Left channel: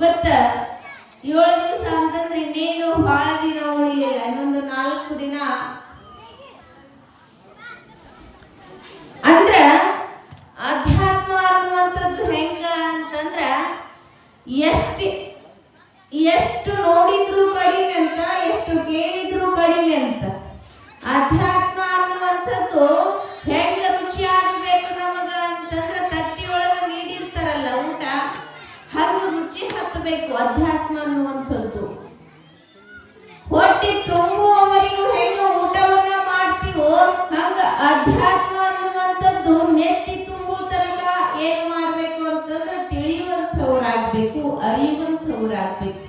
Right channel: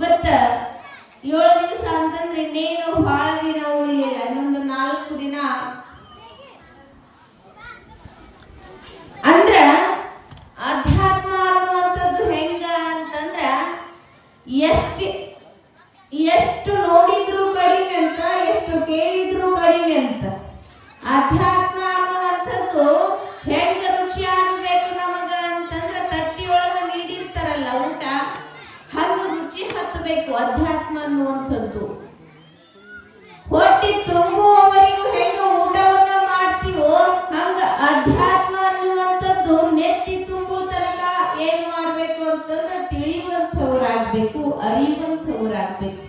ಇವತ್ತ 7 ದಿವಸ ಅಂತಂದ್ರೆ ಇನ್ನೇನು ಬಹಳ ದಿನ ಉಳಿಯಲ್ಲ, ಇನ್ನೊಂದು 4 ದಿನ. ಅಂದ್ರ ಅಧ್ಯಾತ್ಮ ಅನ್ನುವಂಥದ್ದು ಹೆಂಗ ಅಂತಂದ್ರ ಎಷ್ಟು ನೋಡಿದ್ರು ಕಡಿಮೆ ಅಂತ, ಎಷ್ಟು ಕೇಳಿದ್ರು ಕಡಿಮೆ ಅಂತ. ಅಧ್ಯಾತ್ಮ ಅನ್ನುವಂಥದ್ದು ಹೆಂಗ ರುಚಿ ಆಗಬೇಕು ನಮಗ ಅಂತಂದ್ರ ತಟ್ಟಿ ಒಳಗ ನೀಡಿರ್ತಾರಲ್ಲ ಊಟ, ಹಂಗ ರುಚಿ ಹತ್ತಬೇಕು ಅಧ್ಯಾತ್ಮ ಅನ್ನುವಂಥದ್ದು. ಹೊಟ್ಟೆ ತುಂಬುವವರಿಗೂ ಹೆಂಗ ಊಟವನ್ನ ಮಾಡ್ತೀವೋ ಹಂಗ ಅಧ್ಯಾತ್ಮ ಅನ್ನುವಂಥದ್ದು ನೆತ್ತಿ ತುಂಬು ತನಕ ಏನ್ ಮಾಡ್ಬೇಕು ಅಂತಂದ್ರೆ ತಿಳಿಯುವಂಥವ್ರಾಗ್ಬೇಕು, ಅರಿಯುವಂಥವ್ರಾಗ್ಬೇಕು.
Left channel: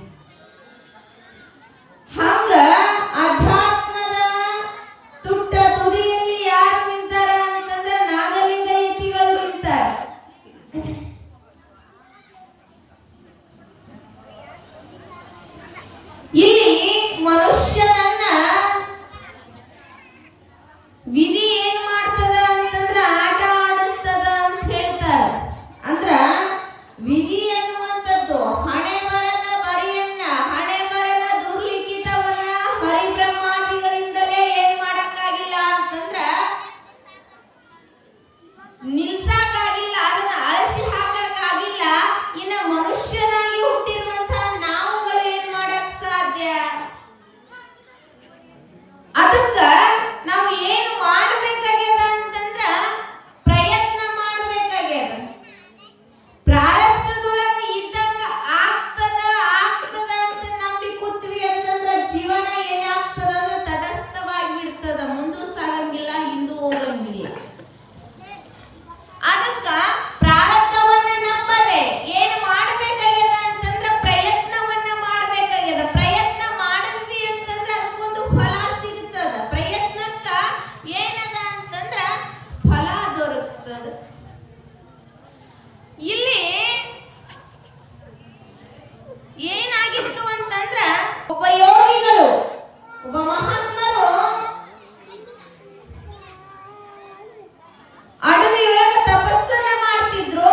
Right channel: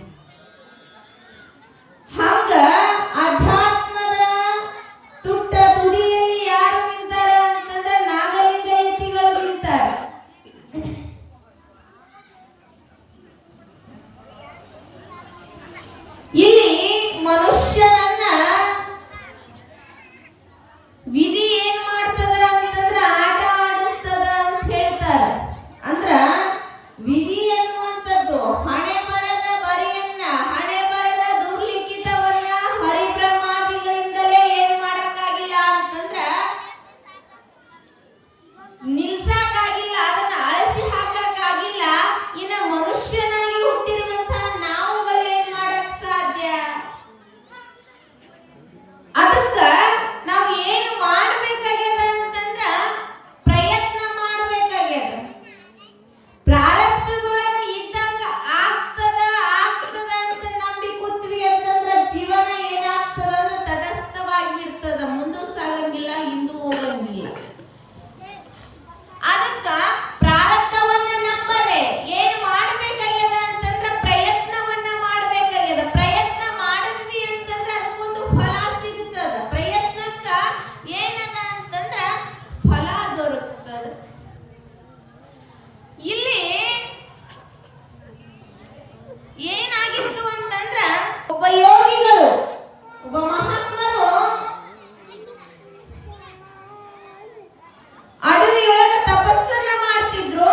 ಹಂಗ ಅಧ್ಯಾತ್ಮದ ತುಟ್ಟ ತುದಿಯಲ್ಲಿ ಯಾರು ನಿಂತಾರ ಅಂತಂದ್ರೆ ನಾಗಲಿಂಗಯತಿಗಳು ನಿಂತಾರ. ಇಲ್ಲಿ ಮನುಷ್ಯನನ್ನ ವಿಧಿ ಏನ್ ಮಾಡ್ತದ ಅಂತಂದ್ರ ಆಟ ಆಡಿಸ್ತದ ಅಂತ ಹೇಳ್ತಾರ. ಅಂದ್ರ ವಿಧಿ ಅನ್ನುವಂಥದ್ದು ಹಣೆ ಬರದ ಬರಿಯನ್ನ, ಹಣೆ ಬರದ ದುರ್ಲಿಖಿತವನ್ನ ಹರಿಬ್ರಹ್ಮಾದಿಗಳಿಂದಲೇ ಏನ್ ಮಾಡಕ್ಕಾಗಿಲ್ಲ ಅಂತಂದ್ರ ನಿಲ್ಸಕ್ಕಾಗಿಲ್ಲ, ಅದನ್ನ ಅಳಿಸಿ ಹಾಕಕ್ಕಾಗಿಲ್ಲ. ಇನ್ನ ಮನುಷ್ಯನಾಗಿ ಹುಟ್ಟಿರುವಂತಹ ನಾವುಗಳು ಏನ್ ಮಾಡಕ್ ಸಾಧ್ಯ? ಅದಕ್ಕ ನಾವು ಏನು ಮಾಡಬೇಕಾಗ್ಯದ ಅಂತಂದ್ರ ಪ್ರಯತ್ನ ಮಾಡಬೇಕಾಗ್ಯದ. ಪ್ರಾರಬ್ಧದೊಳಗ ಇದ್ದಂಗ ಆಗ್ತದ ಅಂತ ನಂಬಿ ಕೂತ್ವಿ ಅಂತಂದ್ರ ಜೀವನ ಏನಾಗ್ತದ ಅಂದ್ರೆ ತಟಸ್ಥವಾಗಿ ಬಿಡ್ತದ, ಮುಂದೂ ಸಾಗಂಗಿಲ್ಲ, ಹಿಂದೂ ಹೋಗಂಗಿಲ್ಲ. ಅದಕ್ಕ ಪ್ರಾರಬ್ಧವನ್ನ ನಂಬದೆ ಏನ್ ಮಾಡಬೇಕಾಗ್ಯದ ಅಂತಂದ್ರ ಪ್ರಯತ್ನವನ್ನ ಮಾಡಬೇಕಾಗ್ಯದ. ಪ್ರಯತ್ನ ಮಾಡಿದ್ವಿ ಅಂತಂದ್ರ ಅದಕ್ಕೊಂದು ಫಲ ಸಿಗ್ತದ. ಪ್ರಯತ್ನಕ್ಕ ಏನದ ಅಂತಂದ್ರ ಫಲ ದೊರಕುತ್ತದ. ಇಲ್ಲಿ ಏನಾಗಿತ್ತು ಅಂತಂದ್ರ ಒಬ್ಬ ಯೋಗಿಗಳು, ಒಬ್ಬ ಮಹಾತ್ಮರು ಅಡವಿಯೊಳಗ ತಪಸ್ಸನ್ನ ಮಾಡ್ತಿದ್ರು.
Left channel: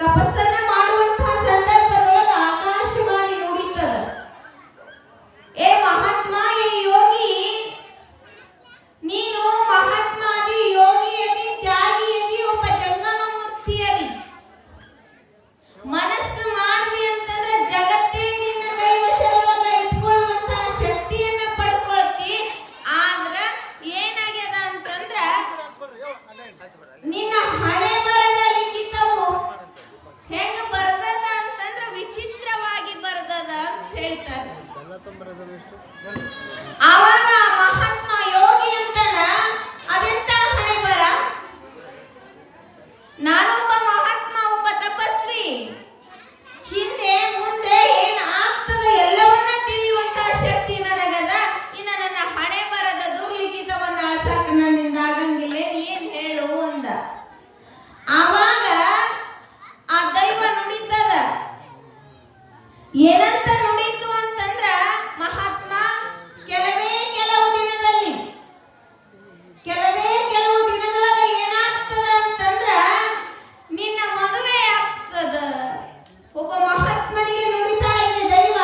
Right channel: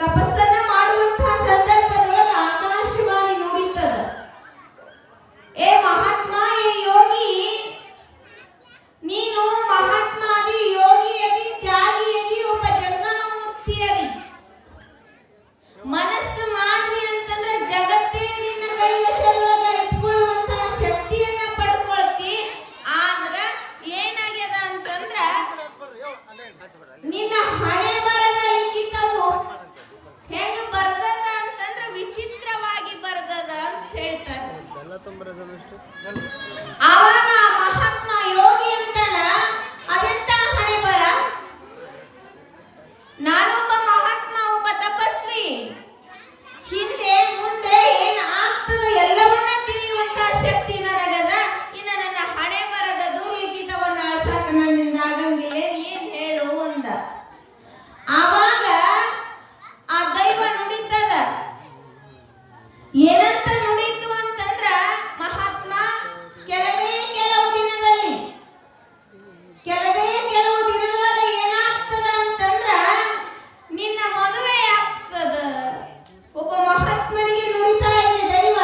ತಪಸ್ಸನ್ನ ಮಾಡುವಂತಹ ಸಂದರ್ಭದೊಳಗ ಆಕಾಶವಾಣಿ ನುಡಿತದ, ಏ ಮಹಾತ್ಮ, ಈ ಯೋಗಿ, ನೀನು ಮಹಾತ್ಮ ಅದಿ, ಯೋಗಿ ಅದಿ, ತ್ಯಾಗಿ ಅದಿ, ಒಬ್ಬ ಜಂಗಮ ಮೂರ್ತಿ ಅದಿ. ಮನಸ್ಸು ಮಾಡಿದೆ ಅಂತಂದ್ರೆ ಜಗತ್ತೇ ನಿನ್ನ ಕೈವಶದೊಳಗ ಇಟ್ಕೊಳ್ಳುವಂತಹ ಶಕ್ತಿಯನ್ನ ಪಡ್ಕೊಳ್ತಿ. ಆದ್ರ ಏನಾಗ್ಯದ ಅಂತಂದ್ರ ನಿನ್ನ ಹಣೆ ಬರದ ಲಿಖಿತವು ಹೆಂಗ ಬರ್ತದ ಅಂತಂದ್ರ ವಿಚಿತ್ರವಾಗಿ ಬರ್ತದ ಅಂತ ಹೇಳ್ತಾರೆ. ಆವಾಗ ಮಹಾತ್ಮ ಯೋಗಿ ಅಂತಾನ, ಅದೆಂತ ಹಣೆ ಬರ? ನಾನೊಬ್ಬ ಮಹಾತ್ಮ, ಒಬ್ಬ ತಪಸ್ವಿ, ಹಿಂದೆ ಮುಂದೆ ಏನ್ ಆಗ್ತದ ಎಲ್ಲವನ್ನ ತಿಳಿಯುವಂತಹ ಶಕ್ತಿ ನನಗದ. ಇನ್ನ ನನ್ನ ಹಣೆ ಬರದ ದುರ್ಲಿಖಿತವನ್ನ ಅಳ್ಸಾಕ ನನ್ನಿಂದ ಆಗಂಗಿಲ್ಲ, ಏನ್ ಹೇಳು ಅಂದ. ಆವಾಗ ಆ ದೈವ ನುಡಿತದ. ಏನಂತ ನುಡಿತು ಅಂತಂದ್ರ, ಮಹಾತ್ಮ, ಕೆಲವೇ ಕೆಲವು ದಿನದೊಳಗ ಏನಾಗ್ತದ ಅಂತಂದ್ರ ನಿನ್ನ ಮದುವೆ ಆಗ್ತದ. ಒಬ್ಬ ಮಹಾತ್ಮನಿಗೆ ನುಡಿತಾ ಇದೆ ದೈವ,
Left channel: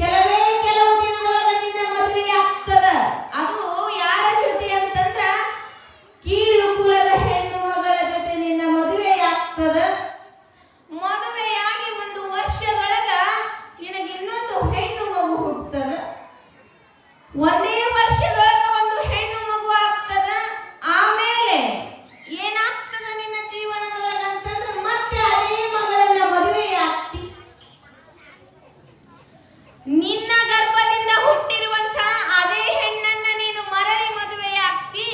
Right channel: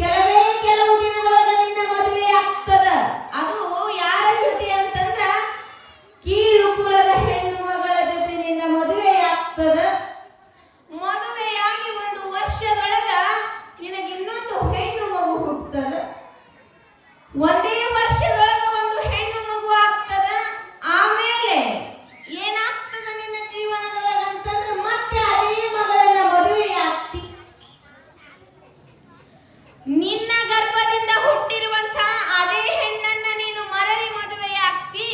ಕೆಲವೇ ಕೆಲವು ದಿನದೊಳಗ ನಿನ್ನ ಮದುವೆ ಆಗ್ತದ. ಅದು ಯಾರ ಜೊತೆ ಅಂತಂದ್ರ ಕೀಳು ಕುಲದ ಹೆಣ್ಣು ಮಗಳ ಜೊತೆ ನಿನ್ನ ಮದುವೆ ಆಗ್ತದ. ಮದುವೆಯಾಗಿ 1 ವರ್ಷದೊಳಗ ನಿನಗೆ ಇನ್ನೊಂದು ಹೆಣ್ಣು ಮಗು ಹುಟ್ಟುತ್ತದ. 1 ವರ್ಷದೊಳಗ ಒಂದು ಹೆಣ್ಣು ಮಗು ಆಗ್ತದ. ಆಮೇಲೆ ಏನಾಗ್ತದ ನಿನ್ನ ಜೀವನದೊಳಗ ಅಂತಂದ್ರೆ ಮತ್ತೆ ಅದೇ ಮಗಳನ್ನ ಮದುವೆ ಆಗ್ತಿ. ನಿನ್ನ ಗರ್ಭದಿಂದ ಹುಟ್ಟಿರುವಂತಹ ಅದೇ ಹೆಣ್ಣನ್ನ ನೀನು ಮರಳಿ ಮದುವೆ ಆಗ್ತಿ.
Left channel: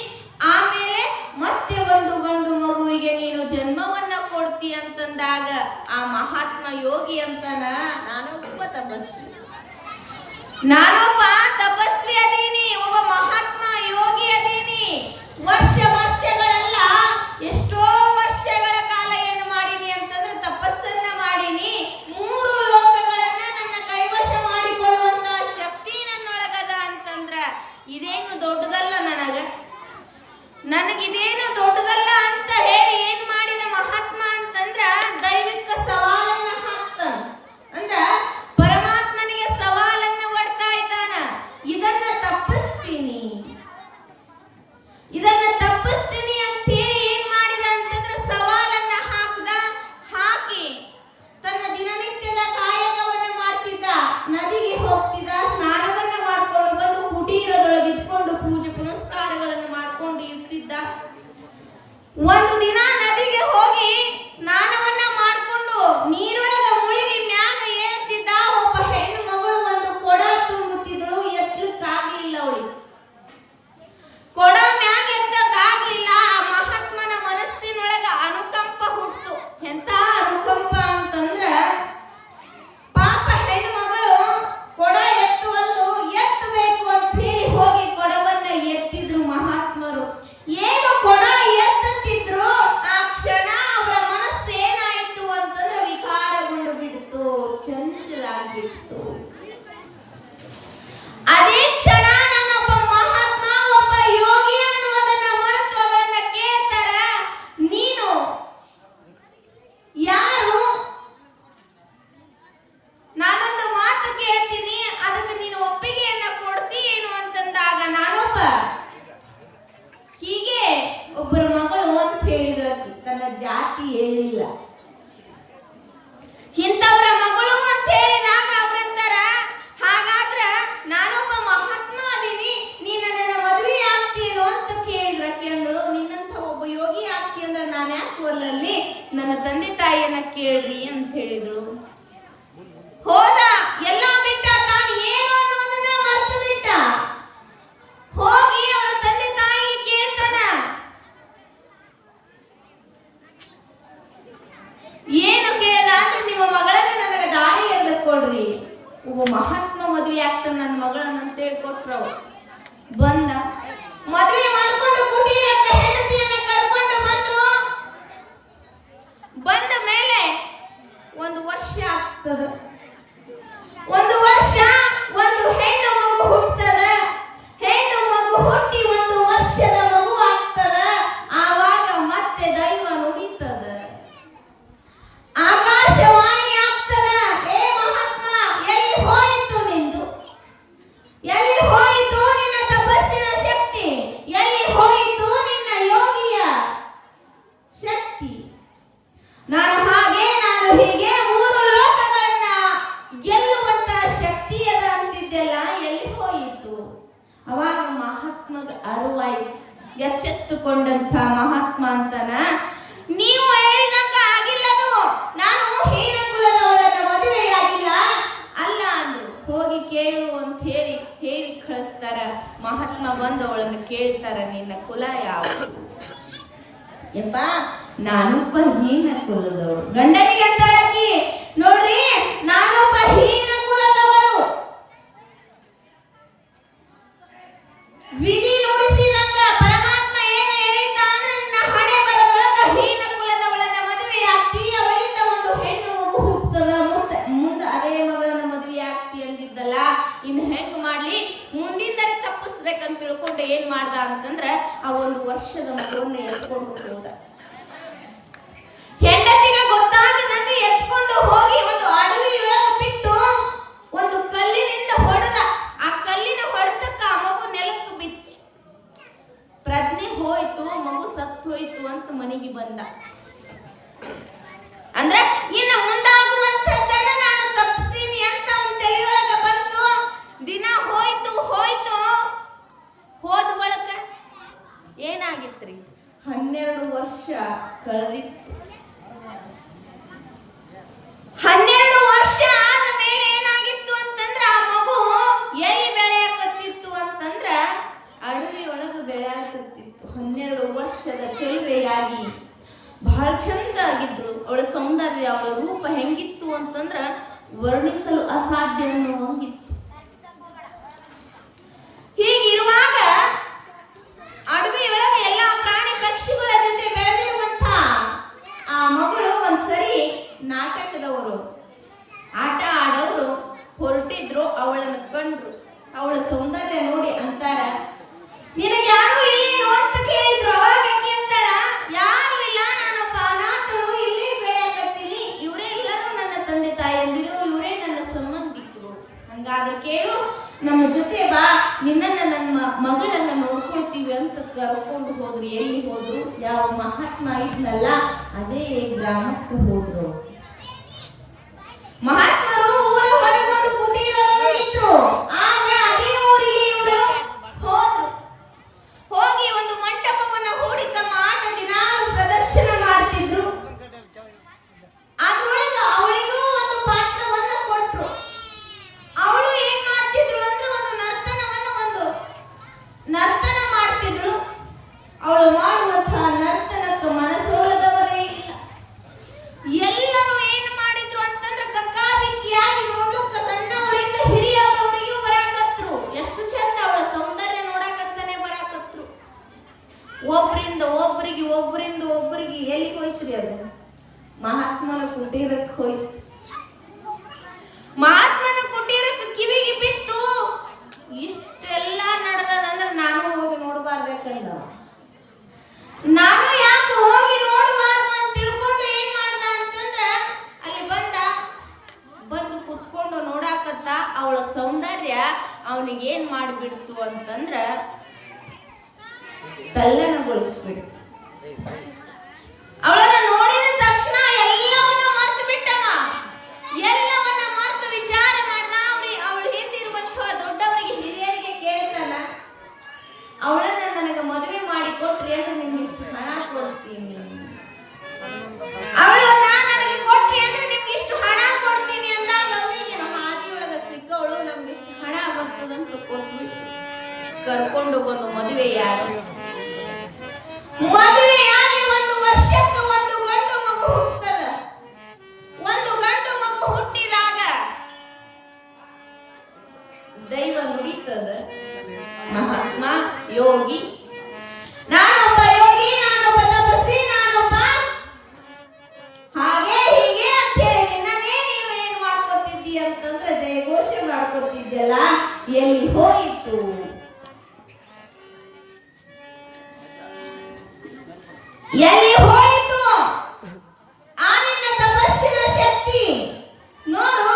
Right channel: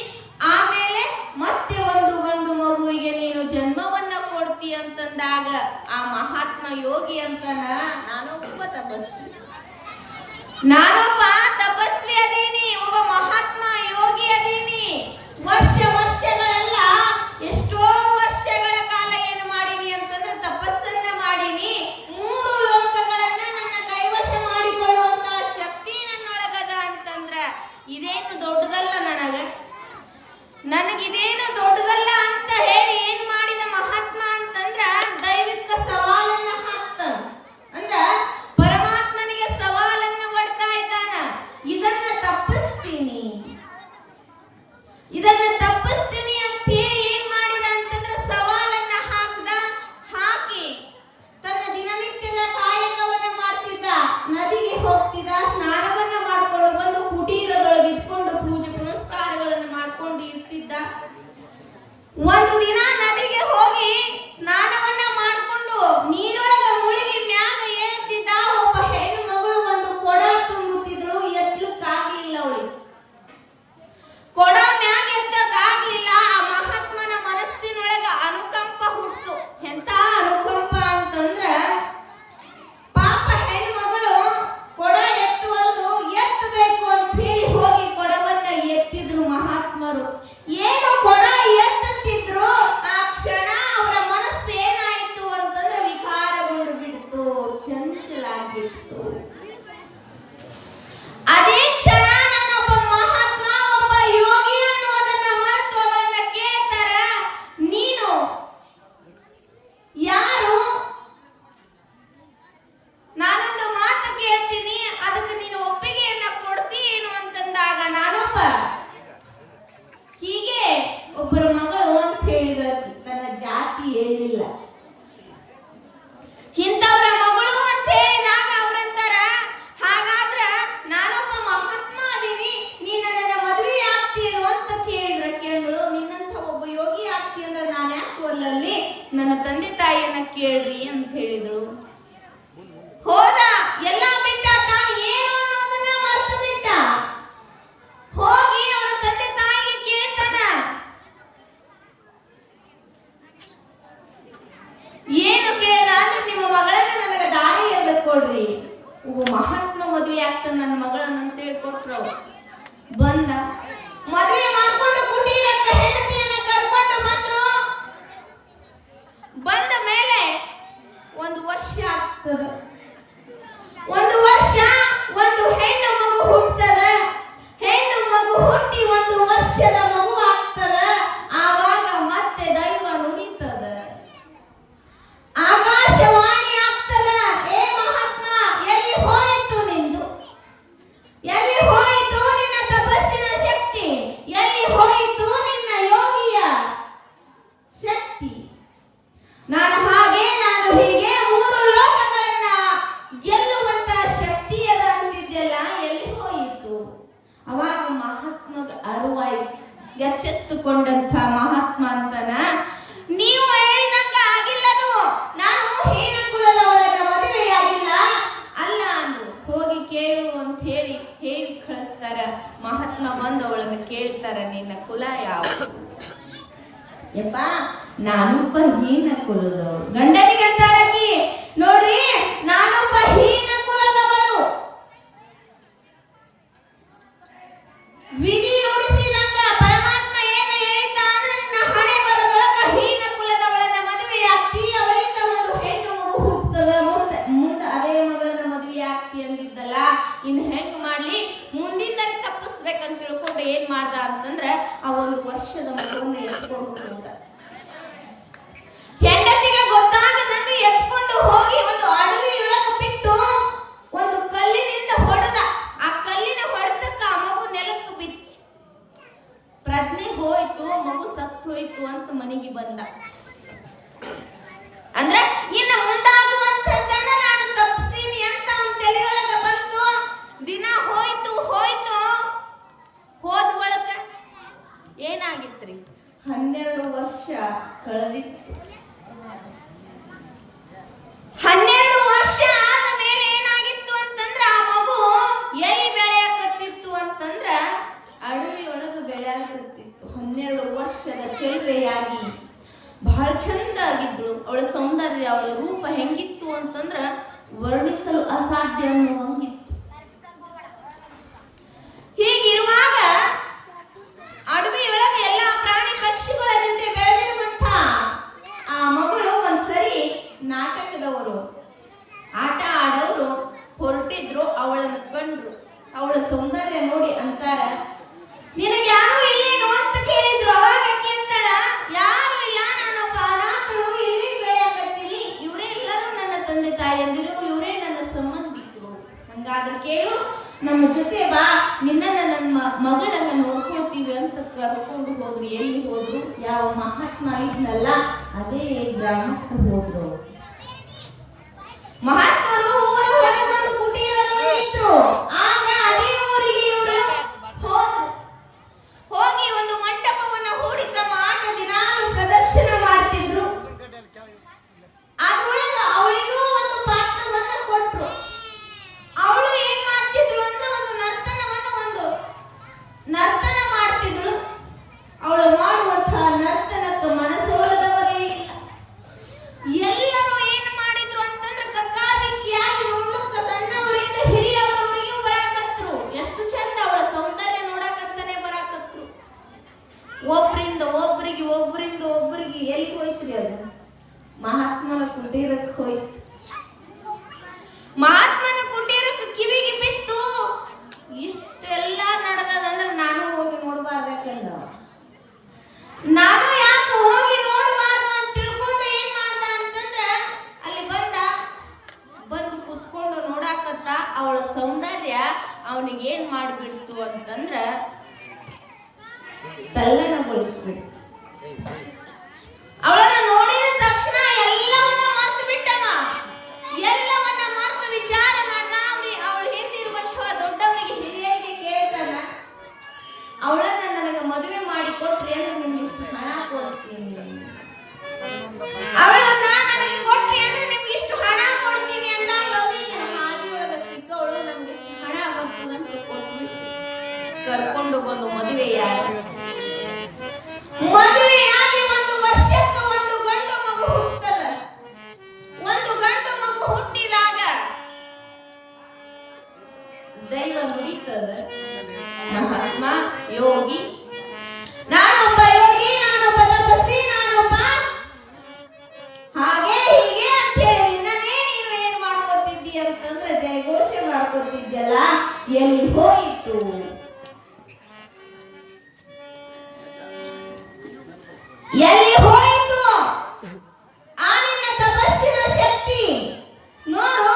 ಆಮೇಲೆ ಮತ್ತೆ ಒಂದು ಗಂಡು ಮಗುವಿಗೆ ನೀನು ಜನ್ಮವನ್ನ ಕೊಡ್ತಿ ಅಂತಂದಾಗ ಆ ಮಹಾತ್ಮ ಯೋಗಿ ಅಂತಾನ, ನಾನೊಬ್ಬ ತಪಸ್ವಿ ಅದೀನಿ, ಒಬ್ಬ ಮಹಾತ್ಮ ಯೋಗಿ ಅದೀನಿ. ವರ್ಷಗಳೆಲ್ಲ ಎಷ್ಟೋ ವರ್ಷಗಳ ಕಾಲ ಏನು ಮಾಡೀನಿ ಅಂತಂದ್ರೆ ತಪಸ್ಸನ್ನ ಮಾಡೀನಿ. 3 ಲೋಕಗಳನ್ನ ನನ್ನ ಕೈವಶ ಮಾಡಿಕೊಳ್ಳುವಂತಹ ಶಕ್ತಿ ನನ್ನೊಳಗದ ಅಂತಂದ್ರ ಇದೇನು ದೊಡ್ಡದಲ್ಲ ನನಗಿದೇನು ದೊಡ್ಡದಲ್ಲ ಅಂತ ಹೇಳಿ ಏನ್ ಮಾಡಿದ ಮಹಾತ್ಮ ಅಂತಂದ್ರ ದೈವಿಕ ಸವಾಲನ್ನ ಹಾಕ್ತಾನ. ಅಂದ್ರ ಆಗಿತ್ತು. ಅದೇ ಕ್ಷಣ ನಾನೊಬ್ಬ ಮಹಾತ್ಮ, ಒಬ್ಬ ಯೋಗಿ ಅನ್ನುವುದನ್ನ ಮರೆತು ಅವಳನ್ನ ಕೇಳ್ತಾರ, ನೀನು ಯಾರು? ನಾನೊಂದು ಮಾತು ಕೇಳ್ತೀನಿ, ಅದಕ್ಕೆ ನೀನು ಒಪ್ಪಿಗೆಯನ್ನ ಕೊಡ್ತೀಯೇನು ಅಂತಂದಾಗ ನಾನೊಬ್ಬ ಹೀಗೆ ಒಬ್ಬರು ಮಗಳು ಅಂತ ಹೇಳಿದ್ರ, ತನ್ನ ಜಾತಿ ಹೇಳಿಲ್ಲ. ಇಂಥವ್ರ ಮಗಳು ಅಂತ ಹೇಳಿದಾಗ ಅವ್ರಂತಾರ, ಹಾಗಾದ್ರ ನಾನೊಬ್ಬ ಮಹಾತ್ಮ ಅದೀನಿ, ನೀನ ನನ್ನ ಮದುವೆ ಆಗ್ತೀನೋ ಅಂತ ಕೇಳಿದ್ರ. ಕೇಳಲು, ನಿನ್ನಂತ ಒಬ್ಬ ಯೋಗಿ ಆಗ್ತಿ ಅಂದ್ರೆ ನಾನು ಯಾಕೆ ಒಲ್ಲಲ್ಲಿ, ನನ್ನ ತಂದೆ ತಾಯಿಯನ್ನ ಕೇಳ್ರಿ ಅಂತ ಹೇಳಿದ್ರು. ಹೋದ, ಎಲ್ಲ ಬಿಟ್ಟ, ತಾನು ಏನು ಅನ್ನೋದನ್ನ ಮರೆತು ಬಿಟ್ಟ. ಹೋಗಿ ಅವರ ತಂದೆ ತಾಯಿಗೆ ಕೇಳ್ತಾನ, ಏನು ಕೇಳ್ದ ಅಂದ್ರೆ, ನಿಮ್ಮ ಮಗಳನ್ನ ನನಗೆ ದಾರಿಯಲ್ಲಿ ಕೊಡ್ರಿ. ಒಬ್ಬ ಮಹಾತ್ಮ ಮದುವೆ ಆಗ್ತಾನ ನನ್ನ ಮಗಳನ್ನ ಅಂತ ಹೇಳಿ ಕೊಟ್ರು. ಬಂದ, ಮದುವೆ ಮಾಡ್ಕೊಂಡು ಕುಟೀರಕ್ಕೆ ಹೆಂಡತಿಯನ್ನ ಕರ್ಕೊಂಡು ಬಂದ್ರು. ಬಂದ ಮೇಲೆ 1 ವರ್ಷ ಆಗ್ತದ. 1 ವರ್ಷ ಒಂದು ಹೆಣ್ಣು ಮಗು ಹುಟ್ಟದ. ಹೆಣ್ಣು ಮಗು ಹುಟ್ಟಿ 1 ವರ್ಷದ ಮಗು ಆಗ್ತದ. ಆವಾಗ ಮತ್ತೆ ದೈವ ನುಡಿತದ, ಆಕಾಶವಾಣಿ ಆಗ್ತದ. ಏ ಮಹಾತ್ಮ, ಎಲ್ಲಿ ಹೋಯಿತು ನಿಂದು? ಎಲ್ಲಿ ಹೋಯಿತು ನಿನ್ನ ತಪಸ್ಸಿನ ಶಕ್ತಿ? ಎಲ್ಲಿ ಹೋಯಿತು ನಿನ್ನ ಯೋಗಿಯ ಶಕ್ತಿ? ನಾನು ಹೀಗೆ 3 ಲೋಕಗಳನ್ನ ಗೆಲ್ಲುವಂತ ಶಕ್ತಿ ಅದ ಅಂತಿದ್ದೆಲ್ಲ ಎಲ್ಲಿ ಹೋಯಿತು? ಅವಾಗ ಮಹಾತ್ಮಗ ಅರಿವಾಯಿ. ಎಚ್ಚೆತ್ತುಕೊಂಡಂತ ಮಹಾತ್ಮ ಅಂತಾನ, ನೀವು ಹೇಳಿದಂಗ ಆಗಿಲ್ಲದು, ನಾನು ಹೀನ ಕುಲದವಳನ್ನ ಮದುವೆಯಾಗಿಲ್ಲ ಅಲ್ಲ ಅಂದ್ರು. ಹೋಗಿ ಕೇಳು ಅಂತ ಹೇಳಿ ಕಳಿಸ್ತಾರ. ಮಹಾತ್ಮ ಬಂದು ಅವಳನ್ನು ಕೇಳ್ತಾರ, ನಿನ್ನ ಕುಲ ಯಾವುದು? ಯಪ್ಪ, ನಾನೊಬ್ಬ ಹೀನ ಕುಲದವಳು. ಗಂಡನಿಗೆ ಅಂತಾಳಕಿ, ನೋಡ್ರಿ ನಾನೊಬ್ಬ ಹೀನ ಕುಲದವಳು. ವಿಧಿ ನುಡಿಸಿದಂಗ ಪರಮಾತ್ಮ ಏನು ಹೇಳಿದ್ದ ಅಂದ್ರೆ, ನಿನ್ನ ಹಣೆ ಬರದೊಳಗ ಹೀನ ಕುಲದವಳನ್ನ ಮದುವೆ ಆಗ್ತಿ, ಅವಳಿಂದ ಒಂದು ಹೆಣ್ಣು ಮಗು ಹುಟ್ಟುತ್ತದ. ಮುಂದೆ ಅದೇ ಮಗಳನ್ನ ಮದುವೆ ಆಗ್ತಿ ಅಂದಿದ್ದಲ್ಲ, ಇನ್ನು ಹೆಂಗ್ ಮಾಡ್ಲಿ, ಮುಂದಿಂದಲೇ ತಪ್ಪಿಸ್ಬೇಕಂತ ತಿಳ್ಕೊಂಡು ಏನ್ ಮಾಡ್ದ ಅಂತಂದ್ರ, ಆ 1 ವರ್ಷದ ಮಗುವನ್ನ ಎತ್ಕೊಂಡು ಹೋದ. ಹೆಂಡತಿಗೆ ಗೊತ್ತಾಗದಂಗ ಎತ್ಕೊಂಡು ಹೋಗಿ ಒಂದು ಅಡವಿಯೊಳಗೆ ಬಿಟ್ಟು ಒಂದು ಕಲ್ಲಿನಿಂದ ಹೊಡೆದ. ಆ ಕಲ್ಲಿನ ಹೊಡೆತಕ್ಕ ಆ ಮಗು ನೆಲಕ್ಕೆ ಬಿತ್ತು. ಪ್ರಜ್ಞೆ ಹೋಯ್ತು, ಮಗು ಸತ್ತು ಹೋಯ್ತು ಅಂತ ಮನೆಗೆ ಬಂದ. ಅಂದ್ರೆ ಇನ್ನು ಮುಂದಾಗುವಂಥದ್ದನ್ನ ನಾನು ತಪ್ಪಿಸೀನಿ ಅಂತ ಅವನ ತಲೆಯೊಳಗೆ ಬಂತು. ದಿನ ಹೋಯ್ತು ಹೋದ ಬಳಕ ಏನಾಗಿತ್ರಿ, 12 ವರ್ಷ ಕಳೆದಿತ್ತು. 12 ವರ್ಷ ಆದ ಮೇಲೆ ಏನಾಗಿತ್ತು ಅಂತಂದ್ರ, ಆ ಮಗು ಎಲ್ಲಿ ಬೆಳೆಯಕತ್ತಿತ್ತು ಅಂತಂದ್ರ ಅಡವಿ ಒಳಗೆ ಬೆಳೆಯಕತ್ತಿತ್ತು. 12 ವರ್ಷದ ಚೆಲುವೆಯಾಗಿ ಬಹಳ ಚಂದ ಆಗಿದ್ರು. ಅವಳ ಸೌಂದರ್ಯ, ಅವಳ ರೂಪ ಹೆಂಗಿತ್ತು ಅಂತಂದ್ರ ವರ್ಣಿಸಲು ಅಸಾಧ್ಯ ಅನ್ನುವಂಗಿತ್ತು. ಹೀಗಿರುವಾಗ ಅಡವಿ ಒಳಗೆ ಎಲ್ಲಾ ಪ್ರಾಣಿ ಪಕ್ಷಿಗಳ ಜೊತೆ ಬೆಳೆದಿರುವಂತ ಆ ಮಗಳು ಒಂದ್ಸರಿ ನಾಟಕದವರು, ಆಟ ಆಡೋರು ಹೊರಟಿದ್ರು. ಅವಳನ್ನು ಕಂಡ್ರು. ಅವಳ ಸೌಂದರ್ಯ ನೋಡಿ ಅಂತಾರ, ನಿನಗೆ ಯಾರು ಇಲ್ಲೇನು ಅಂತ ಕೇಳಿದ್ರು. ಅವಾಗ ಅಕ್ಕಿ ಅಂತಾಳ, ಯಾರು ಇಲ್ಲ, ನಾನೊಬ್ಬ ಅನಾಥಳು, ಇಲ್ಲಿ ಬೆಳೆಯಕತ್ತೀನಿ. ಇವರೇ ಎಲ್ಲರೂ ನನ್ನ ತಂದೆ ತಾಯಿಯಂದಿರು, ಇವರೇ ನನ್ನ ಸಂಬಂಧಿಕರು. ಹಂಗಾದ್ರೆ ಕೇಳು, ನಮ್ಮ ಜೊತೆ ಬಾ, ನಿನ್ನನ್ನ ನನ್ನ ಮಗಳನ್ನ ನೋಡ್ಕೊಳ್ತೀವಿ ಅಂತ ಕರ್ಕೊಂಡು ಹೋದ್ರು. ಎಲ್ಲಿ ಹೋದ್ರು? ಯಾವ ಮಹಾತ್ಮ ಇದ್ನಲ್ಲ ಅದೇ ಗ್ರಾಮಕ್ಕೆ ಹೋದ್ರು. ಮಹಾತ್ಮರು ಊರ ಹೊರಗೊಂಡು ಕುಟೀರರು. ಆದ್ರೆ ಅದೇ ಊರಿಗೆ ಇವರು ಹೋದ್ರು. ಹೋಗಿ ಒಂದು ಮಂಟಪವನ್ನ ಹೂಡಿ ತಮ್ಮ ಆಟ ದಿನಾಲು ಪ್ರದರ್ಶನ ಮಾಡ್ತಿದ್ರು. ಅದ್ರೊಳಗ ಅವಳಿಗೂ ಒಂದು ಪಾತ್ರವನ್ನ ಕೊಟ್ರು. ಅವಳು ಏನ್ ಮಾಡ್ತಿದ್ರು ಅಂದ್ರೆ, ಒಂದು ನರ್ತನ ಮಾಡ್ತಿದ್ರು. ಅವಳು ಮಾಡುವಂತಹ ನರ್ತನಕ್ಕೆ ಮನಸೋಲದವರೇ ಇಲ್ಲ. ಎಲ್ಲರೂ ಏನ್ ಮಾಡಿದ್ರು ಅಂತಂದ್ರೆ, ಕಕ್ಕಾಬಿಕ್ಕಿಯಾಗಿ ನೋಡಕ್ಕ ಸಣ್ಣವರಿಂದ ಹಿರಿಯವರವರಿಗೂ ಬರಾಕತ್ರು. ಎಷ್ಟು ಚಂದ ಅವಳ ಸೌಂದರ್ಯ ನೋಡಕಂತಾನೆ ಬರಾಕತ್ರು. ಒಬ್ಬರಿಂದ ಒಬ್ಬರಿಗೆ ಎಲ್ಲಿ ಹೋಯ್ತ್ರಿ? ಅದು ಮಹಾತ್ಮನ ಕುಟೀರಕ್ಕೆ ಹೋಯ್ತು. ಮಹಾತ್ಮ ಅವನಿಗೆ ಏನ್ ಮಾಡಿಬಿಡ್ತು ಅಂತಂದ್ರ ತಲ್ಲಣಗೊಳಿಸ್ಬಿಡ್ತು. ಅವಳನ್ನ ನೋಡಿದ ತಕ್ಷಣ ಎಲ್ಲವನ್ನ ಮರ್ತು ಬಿಟ್ಟವ. ಎಲ್ಲವನ್ನ ಮರ್ತು ವಿಚಾರ ಮಾಡ್ದ. ಅವಳ ಹಿಂದಿರುವಂತಹ ದೊಡ್ಡವರಿಗೆ ಹಿರಿಯರಿಗೆ ಕೇಳ್ತಾನ, ಅವಳನ್ನ ನನಗೆ ಮದುವೆ ಮಾಡಿ ಕೊಟ್ರಿ ಅಂದ್ರೆ ನಿಮ್ಗೆ ಇಷ್ಟು ಹಣ ಕೊಡ್ತೀನಿ, ಅವಳನ್ನ ನನಗೆ ಕೊಟ್ರಿ ಅಂದ್ರೆ ನಿಮ್ಗೆ ಇಷ್ಟು ಹಣ ಕೊಡ್ತೀನಿ ಅಂದಾಗ ಅವರಿಗೆ ಹಾದಿಯೊಳಗ ಸಿಕ್ಕವಳು ನಮ್ಗೆ ಇಷ್ಟು ಹಣ ಬರ್ತದಂತ ಕೊಟ್ಬಿಟ್ಟು ಕರ್ಕೊಂಡು ಬಂದು ಮದುವೆಯಾಗಿ ಒಂದು ವರ್ಷಕ್ಕೆ ಒಂದು ಗಂಡು ಮಗು ಹುಟ್ಟದ. ಒಂದು ಗಂಡು ಮಗು ಹುಟ್ಟಿದಾಗ ದೈವ ನುಡಿತದ, ಮಹಾತ್ಮ ಯೋಗಿ, ನಾನೊಬ್ಬ ಯೋಗಿ, ನಾನೊಬ್ಬ ತಪಸ್ವಿ, ನಾನೊಬ್ಬ ಹಾಗೆ ಹೀಗೆ ಅಂತ ಹೇಳಿ ನಿನ್ನನೇ ನೀನು ಏನ್ ಮಾಡ್ಕೊತಿದ್ದಿ ಅಂತಂದ್ರೆ ಜಯಘೋಷ ಮಾಡ್ಕೊತಿದ್ಯಲ್ಲ, ಎಲ್ಲಿ ಹೋಯಿತು? ಎಲ್ಲಿ ಹೋಯಿತು ಆ ನಿನ್ನ ತಪಸ್ಸಿನ ಶಕ್ತಿ? ನೋಡು,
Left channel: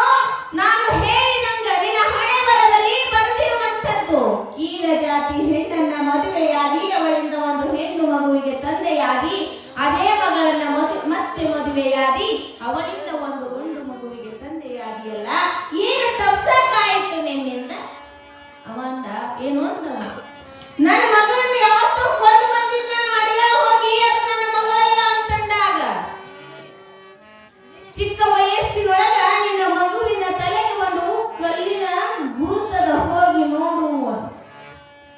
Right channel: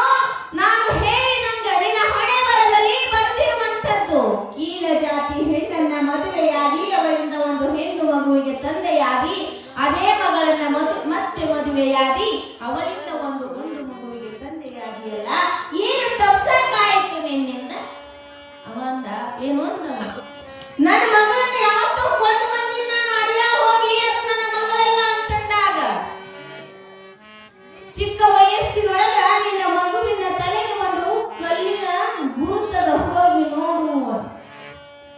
ನಾನು ಹೇಳಿದಂಗ ನಿನ್ನ ಹಣೆ ಬರದಲ್ಲಿ ಬರೆದಿರುವಂತದ್ದು ಕೀಳ ಜಾತಿ ಹೆಣ್ಣನ್ನ ಮದುವೆಯಾಗಿ ಅವಳಿಂದ ಒಂದು ಹೆಣ್ಣು ಮಗುವಿಗೆ ತಂದೆಯಾಗಿ, ಅದೇ ಮಗಳನ್ನ ಮತ್ತೆ ಮದುವೆಯಾಗಿ ಅವಳಿಂದ ಒಂದು ಗಂಡು ಮಗುವಿಗೆ ತಂದೆಯಾಗಿಯಲ್ಲ, ಏನು ತಪ್ಪಾಯ್ತು ನಿನ್ನಿಂದ? ಅವಂದ ಏನು ಅಂತ, ನನ್ನ ಮಗಳನ್ನ ಯಾವತ್ತೂ ಕೊಂಡು ಬಂದಿದ್ದ ಅಡುಗೆ ಹೋಗಿ ಅದು ನನ್ನ ಮಗಳಲ್ಲ ಅಂತಂದಾಗ ಚಿಕ್ಕ ವಯಸ್ಸಿನೊಳಗ ನಿನ್ನ ಮಗುವಿನ ತಲೆಗೆ ಒಂದು ಕಲ್ಲಿನ ಗುರುತದ ಹೋಗಿ ನೋಡು.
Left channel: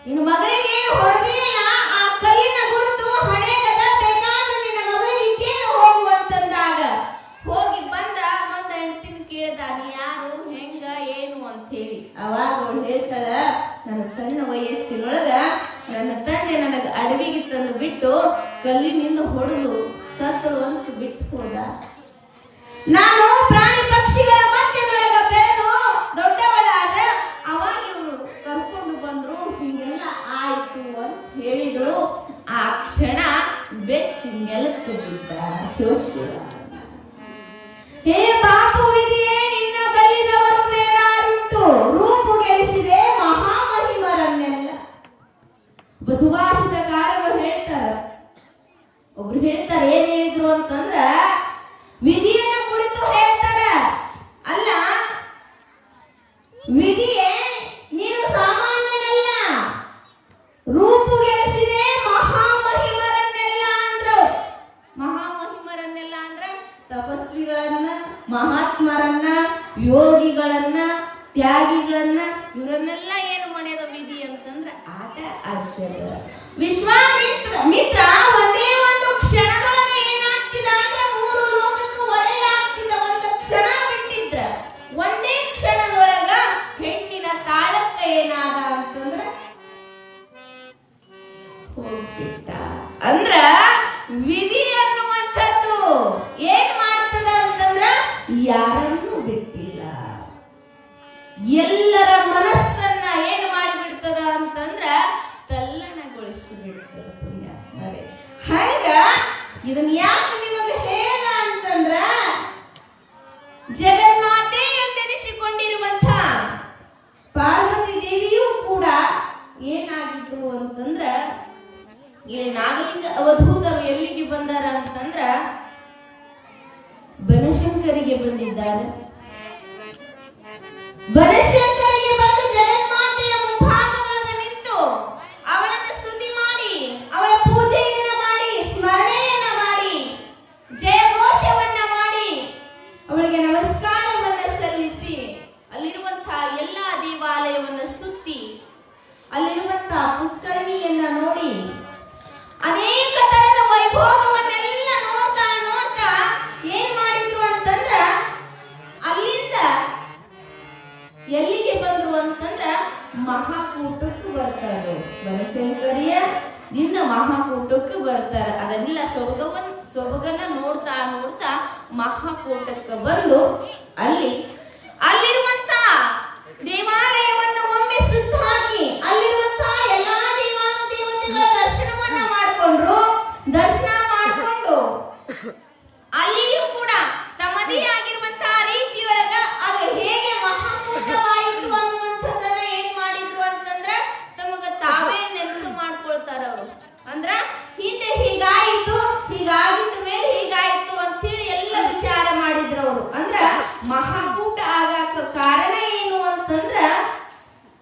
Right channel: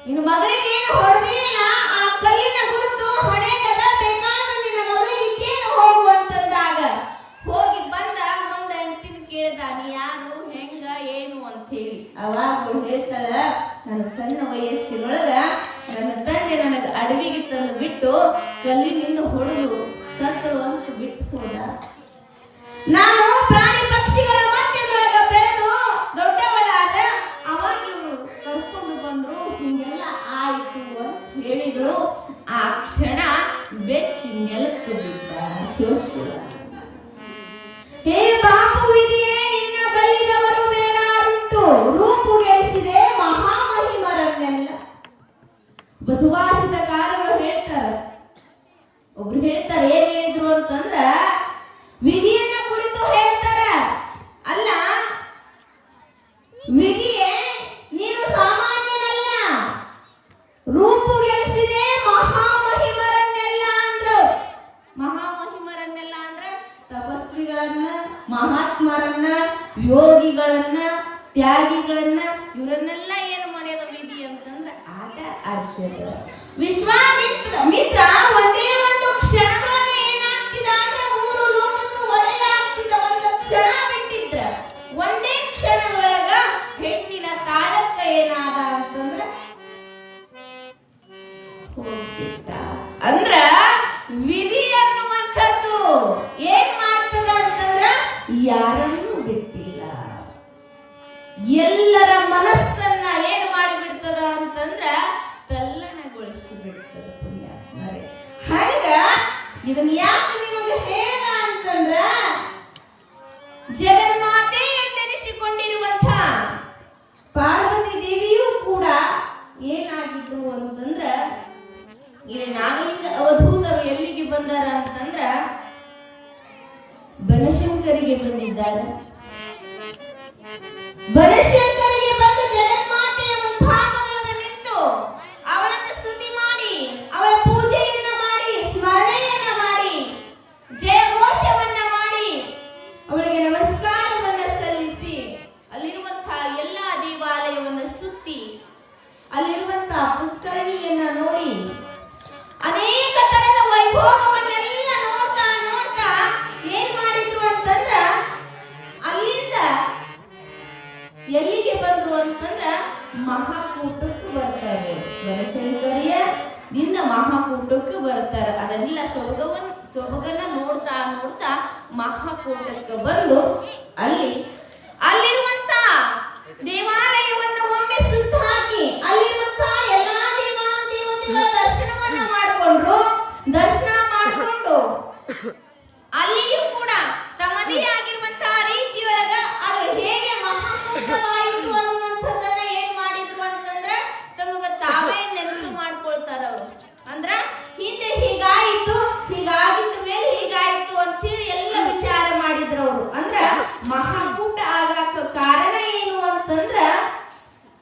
ನಿನ್ನ ಮಗಳಿಗೆ ಏನು ಹೊಡೆದಿಲ್ಲ, ಆ ಕಲ್ಲಿನ ಗುರುತು ಹೊಡೆಯದ, ಬೇಕಾದ್ರೂ ನಿನ್ನ ಮಗಳಿಗೆ ಕೇಳು ಹೋಗುವಂತಂದಾಗ ಹೋಗಿ ಬಂದ ಹೆಂಡತಿನ ಕೇಳಿದ, ನೀ ಯಾರು, ಹೆಂಗ, ಏನು ಅಂತ ಹೇಳಿ. ಅವಾಗ ಹೇಳ್ತಾಳ, ನನ್ನ ಸಣ್ಣ ವಯಸ್ಸಿನೊಳಗ ನನ್ನ ತಂದೆ ನನಗೆ ಅಡವಿಗೆ ತಂದು ಬಿಟ್ಟು ಕಲ್ಲಿನಿಂದ ಹೊಡೆದು ಸತ್ತಳು ಅಂತ ಬಿಟ್ಟು ಹೋದ. ನಾನು ಪ್ರಾಣಿ ಪಕ್ಷಿಗಳ ಮಧ್ಯದೊಳಗ ಬೆಳೆದು ದೊಡ್ಡವಳಾದ. ಅವಾಗ ಇವರು ಕರ್ಕೊಂಡು ಬಂದ್ರು, ಹಿಂಗೆಲ್ಲ ಆಯ್ತು ಅಂತ ಹೇಳಿದ್ರು. ಆ ಕ್ಷಣ ಬೆಚ್ಚಿ ನೆಲಕ್ಕೆ ಬಿದ್ದ ಶಿವಶಿವ. ಹೇ ಪಾಪು ವಿಧಿಯೇ, ನಿನ್ನ ಬಲ್ಲಿದವರು ಬೇರಾರುಂಟು, ರೂಪು ಗೆಳಿಸಿದೆ ಮಹಾಮಹಿಮರನ್ನೆಲ್ಲ. ಸುಭಾಷಿತಕಾರರು ಹೇಳ್ತಾರೆ, ಒಬ್ರು ಹೇಳ್ತಾರೆ, ಏನ್ ಹೇಳಿದ್ರು ಅಂತಂದ್ರ ವಿಧಿಯನ್ನ ಕುರಿತು ಹೇಳ್ತಾರ. ಅಲ್ಲ ವಿಧಿಯೇ, ನೀನು ಸಾಮಾನ್ಯನಲ್ಲ, ರೂಪು ಗೆಳಿಸಿದೆ ಮಹಾಮಹಿಮರನ್ನೆಲ್ಲ ಅಂದ್ರು. ಮಹಾಮಹಿಮರನ್ನೆಲ್ಲ ಅಂದ್ರೆ ತಪಸ್ವಿಗಳನ್ನ, ಮಹಾತ್ಮರನ್ನ, ಯೋಗಿಗಳನ್ನ, ತ್ಯಾಗಿಗಳನ್ನ, ಇವರನ್ನೆಲ್ಲ ಏನು ಮಾಡ್ಯದ ವಿಧಿ ಅಂತಂದ್ರೆ ಆಟ ಆಡ್ಸ್ಯದ. ವಿಶ್ವಾಮಿತ್ರ ಒಂದೇ ಒಂದು ಕ್ಷಣದೊಳಗೆ ಏನಾಗ್ತಿದ ಅಂದ್ರೆ ಮೂರು ಲೋಕಕ್ಕೆ ಒಳ್ಳೆಯಾಗ್ತಿದ್ದ. ಒಂದು ಕ್ಷಣ ಬಿಟ್ಟಿದ್ರ, ಒಂದೇ ಕ್ಷಣದೊಳಗ ಹೆಣ್ಣಿನ ತಾಳಕ್ಕ ಏನಾದ ಅಂತಂದ್ರೆ ಹೋಗ್ಬಿಟ್ಟ. ಅಂದ್ರ ವಿಧಿ ಅನ್ನುವಂಥದ್ದು ಏನ್ ಮಾಡ್ತದ ಅಂತಂದ್ರ ಯಾರನ್ನೂ ಬಿಟ್ಟಿಲ್ಲ, ಎಲ್ಲರ ಮನಸ್ಸನ್ನ ಏನು ಮಾಡಿಬಿಡ್ತದ ಅಂತಂದ್ರ ತಲ್ಲಣಗೊಳಿಸಿ ಬಿಡ್ತದ. ಪುಣ್ಯಾತ್ಮರೇ, ಹಂಗ ಇದನ್ನ ಯಾಕೆ ನಿಮಗೆ ಹೇಳ್ದ ಅಂತಂದ್ರ ಜಗನ್ಮಾತೆ ಎಂದೆನಿಸಿಕೊಂಡಿರುವಂತ ಪಾರ್ವತಿ ದೇವಿಯೂ ಕೂಡ ಏನಾಗಿದ್ರು ಅಂತಂದ್ರ, ಇಲ್ಲಿ ನಾಗಲಿಂಗ ಅವಧೂತರು ಎಲ್ಲಿಗೆ ಬಂದಾರ ಅಂತಂದ್ರ ಬನಶಂಕರಿಗೆ ಬಂದಿದ್ದಾರೆ. ಬನಶಂಕರಿಗೆ ಬಂದು ಜಗನ್ಮಾತೆಯ ಮುಂಭಾಗದೊಳಗೆ ನಿಂತು ಅವಳನ್ನು ಸ್ತುತಿ ಮಾಡಿ, ಅವಳ ಪೂಜೆಯನ್ನ ಮಾಡಿ, ಸ್ಮರಣೆಯನ್ನ ಮಾಡಿ, ಜಯಘೋಷವನ್ನ ಮಾಡಿ, ಅವಳಿಗೆ ನಮಸ್ಕಾರವನ್ನ ಸಲ್ಲಿಸಿ, ಅಲ್ಲಿರುವಂತಹ ಎಲ್ಲಾ ದೇವಾಲಯವನ್ನು ಸುತ್ತಿ, ಅಲ್ಲಿರುವಂತಹ ಪುಷ್ಕರಣಿಯನ್ನ ನೋಡಿ, ಅನೇಕ ತರದ ವೈಭೋಗವನ್ನೆಲ್ಲ ನೋಡ್ತಾ ನೋಡ್ತಾ ಏನ್ ಮಾಡಿದ್ರು ಅಂತಂದ್ರ ಅಲ್ಲಿಂದ ಎಲ್ಲಿಗೆ ಬಂದ್ರು ಅಂತಂದ್ರ ಮಹಾಕೂಟಕ್ಕೆ ಬರ್ತಾರೆ. ಬನಶಂಕರಿಯ ನಿನ್ನ ಮಹಾಕೂಟಕ್ಕೆ ಬರ್ತಾರೆ. ಅದನ್ನೆಲ್ಲ ಸೊಬಗನ್ನ ನೋಡ್ತಾ ನೋಡ್ತಾ ಮಹಾಕೂಟಕ್ಕೆ ಬಂದು ಅಲ್ಲಿರುವಂತ ದೇವಾಲಯವನ್ನು ಒಮ್ಮೆ ಸುತ್ತು ಹಾಕಿ ಅಲ್ಲಿರುವಂತ ಎಲ್ಲಾ ದೇವತೆಗಳ ದರ್ಶನವನ್ನ ಮಾಡಿಕೊಂಡ್ರು. ದರ್ಶನ ಮಾಡಿಕೊಂಡು ಅಲ್ಲಿಯೂ ಕೂಡ ತಮ್ಮದೇ ಆಗಿರುವಂತಹ ರೀತಿಯೊಳಗ ಅದು ಹೇಗೆ ಮಹಾಕೂಟವಾಯಿತು ಅನ್ನುವಂಥದ್ದನ್ನ ಏನ್ ಅವರು. ಅಂದ್ರ ಮಹಾಕೂಟ ಆಗಾಕ ಕಾರಣ ಏನು ಅಂತಂದ್ರ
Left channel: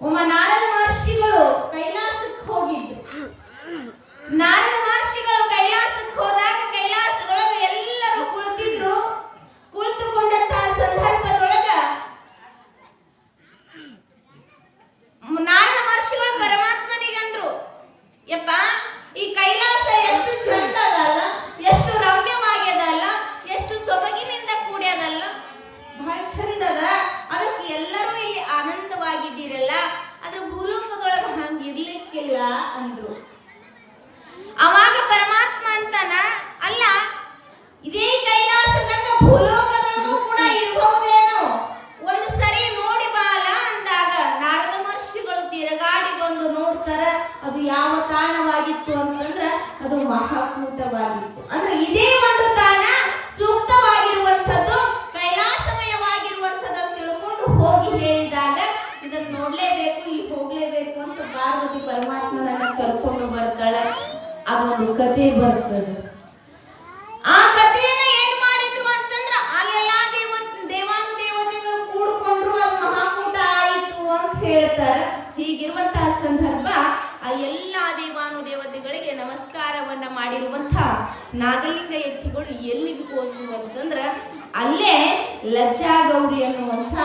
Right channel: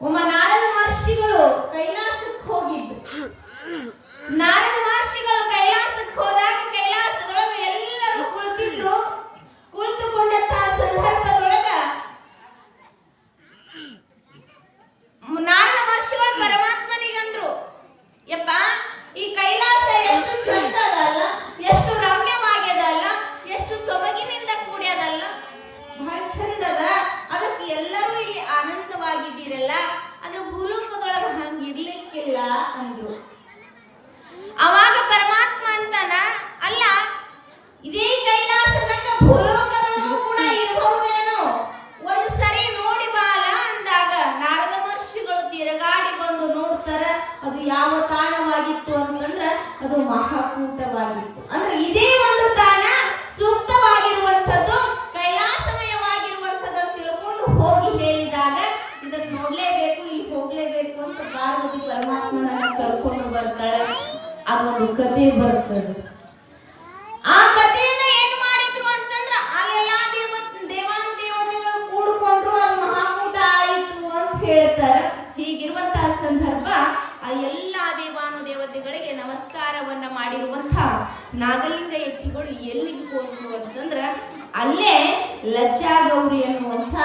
ಒಮ್ಮ ನಾರದ ಮಹರ್ಷಿಗಳು ಕೈಲಾಸಕ್ಕೆ ಹೋಗಿದ್ದು. ನಾರದ ಮಹರ್ಷಿಗಳು ಕೈಲಾಸಕ್ಕೆ ಹೋದಾಗ ಕೈಲಾಸದೊಳಗ ಎಲ್ಲರೂ ಕುಳಿತಿದ್ರು. ಕುಳಿತುಕೊಂಡಂತಹ ಸಂದರ್ಭದೊಳಗ ನಾರದ ಮಹರ್ಷಿಗಳು ಪರಮಾತ್ಮನಿಗಂದ್ರು, ಯಪ್ಪ ಈ ಕೈಲಾಸ ಎಷ್ಟು ಚಂದದಲ್ಲ, ಎಷ್ಟು ರಮ್ಯವಾಗ್ಯದಲ್ಲ, ಎಷ್ಟು ಸೊಬಗಿನಿಂದ ಕೂಡ್ಯದಲ್ಲ, ಬಹಳ ಚಂದದ. ಅದಕ್ಕೆ ಎಲ್ಲರೂ ಇಲ್ಲಿ ಆನಂದವಾಗಿದ್ದೀರಲ್ಲ, ಆದ್ರೆ ಭೂಲೋಕದೊಳಗ ಹಂಗಿರ್ಲಿಕ್ಕಿಲ್ಲ ಅಂದ್ರು. ಅವಾಗ ಪರಮಾತ್ಮ ಅಂತಾನ, ಅಲ್ಲ ಇದೇ ಕೈಲಾಸದಾಗ ಭೂಲೋಕದೊಳಗೂ ಕೂಡ ಇರಬಹುದೇನೋ, ಒಂದು ಸರಿ ನೋಡಿ ಬಾಲ ಅಂದಾಗ ನಾರದ ಮಹರ್ಷಿಗಳು ತಿರುಗಾಡಿ ಬಂದು ನೋಡ್ತಾರ. ಅದು ಯಾವ ತಾಣವಾಗಿತ್ತು ಅಂತಂದ್ರ ಅದು ಮಹಾಕೂಟವಾಗಿತ್ತು. ಅಂದ್ರೆ ಇದೇ ಒಂದು ತಾಣ ಸೂಕ್ತವಾಗಿರುವಂಥದ್ದು, ಕೈಲಾಸಮಯವಾಗಿರುವಂಥದ್ದು ತಿಳ್ಕೊಂಡು ಹೋಗಿ ಹೇಳಿದಾಗ ಇದನ್ನ ನೋಡ್ಲೇಬೇಕು, ಇಲ್ಲಿ ಹೋಗ್ಲೇಬೇಕು ಅಂತ ಪಾರ್ವತಿ ಪರಮಾತ್ಮನನ್ನ ಕರ್ಕೊಂಡು ಬರ್ತಾಳೆ. ಅದೊಂದು ಕಥೆ ಬರ್ತದೆ. ಆ ಕಥೆಯನ್ನ ಏನು ಮಾಡಿದ್ರು ಅಂತಂದ್ರ ಅಲ್ಲೆಲ್ಲಾ ದೇವಾನುದೇವತೆಗಳು ಕೂಡ್ಕೊಂಡ್ರು, ಅದು ಮಹಾಕೂಟ ಆಯಿತು ಅಂತ ಹೇಳ್ತಾರೆ. ಹೀಗಿರುವಂತಹ ಸಂದರ್ಭ ಆ ಎಲ್ಲಾ ದೇವಾನುದೇವತೆಗಳಿಗೆ ನಮಸ್ಕಾರವನ್ನ ಮಾಡಿರುವಂತಹ ನಾಗಲಿಂಗ ಯತಿಗಳು ಎಲ್ಲಿಗೆ ಹೋದ್ರು ಅಂತಂದ್ರ ಅಲ್ಲೇ ಲಜ್ಜಾಗೌರಿ ಅನ್ನುವಂಥ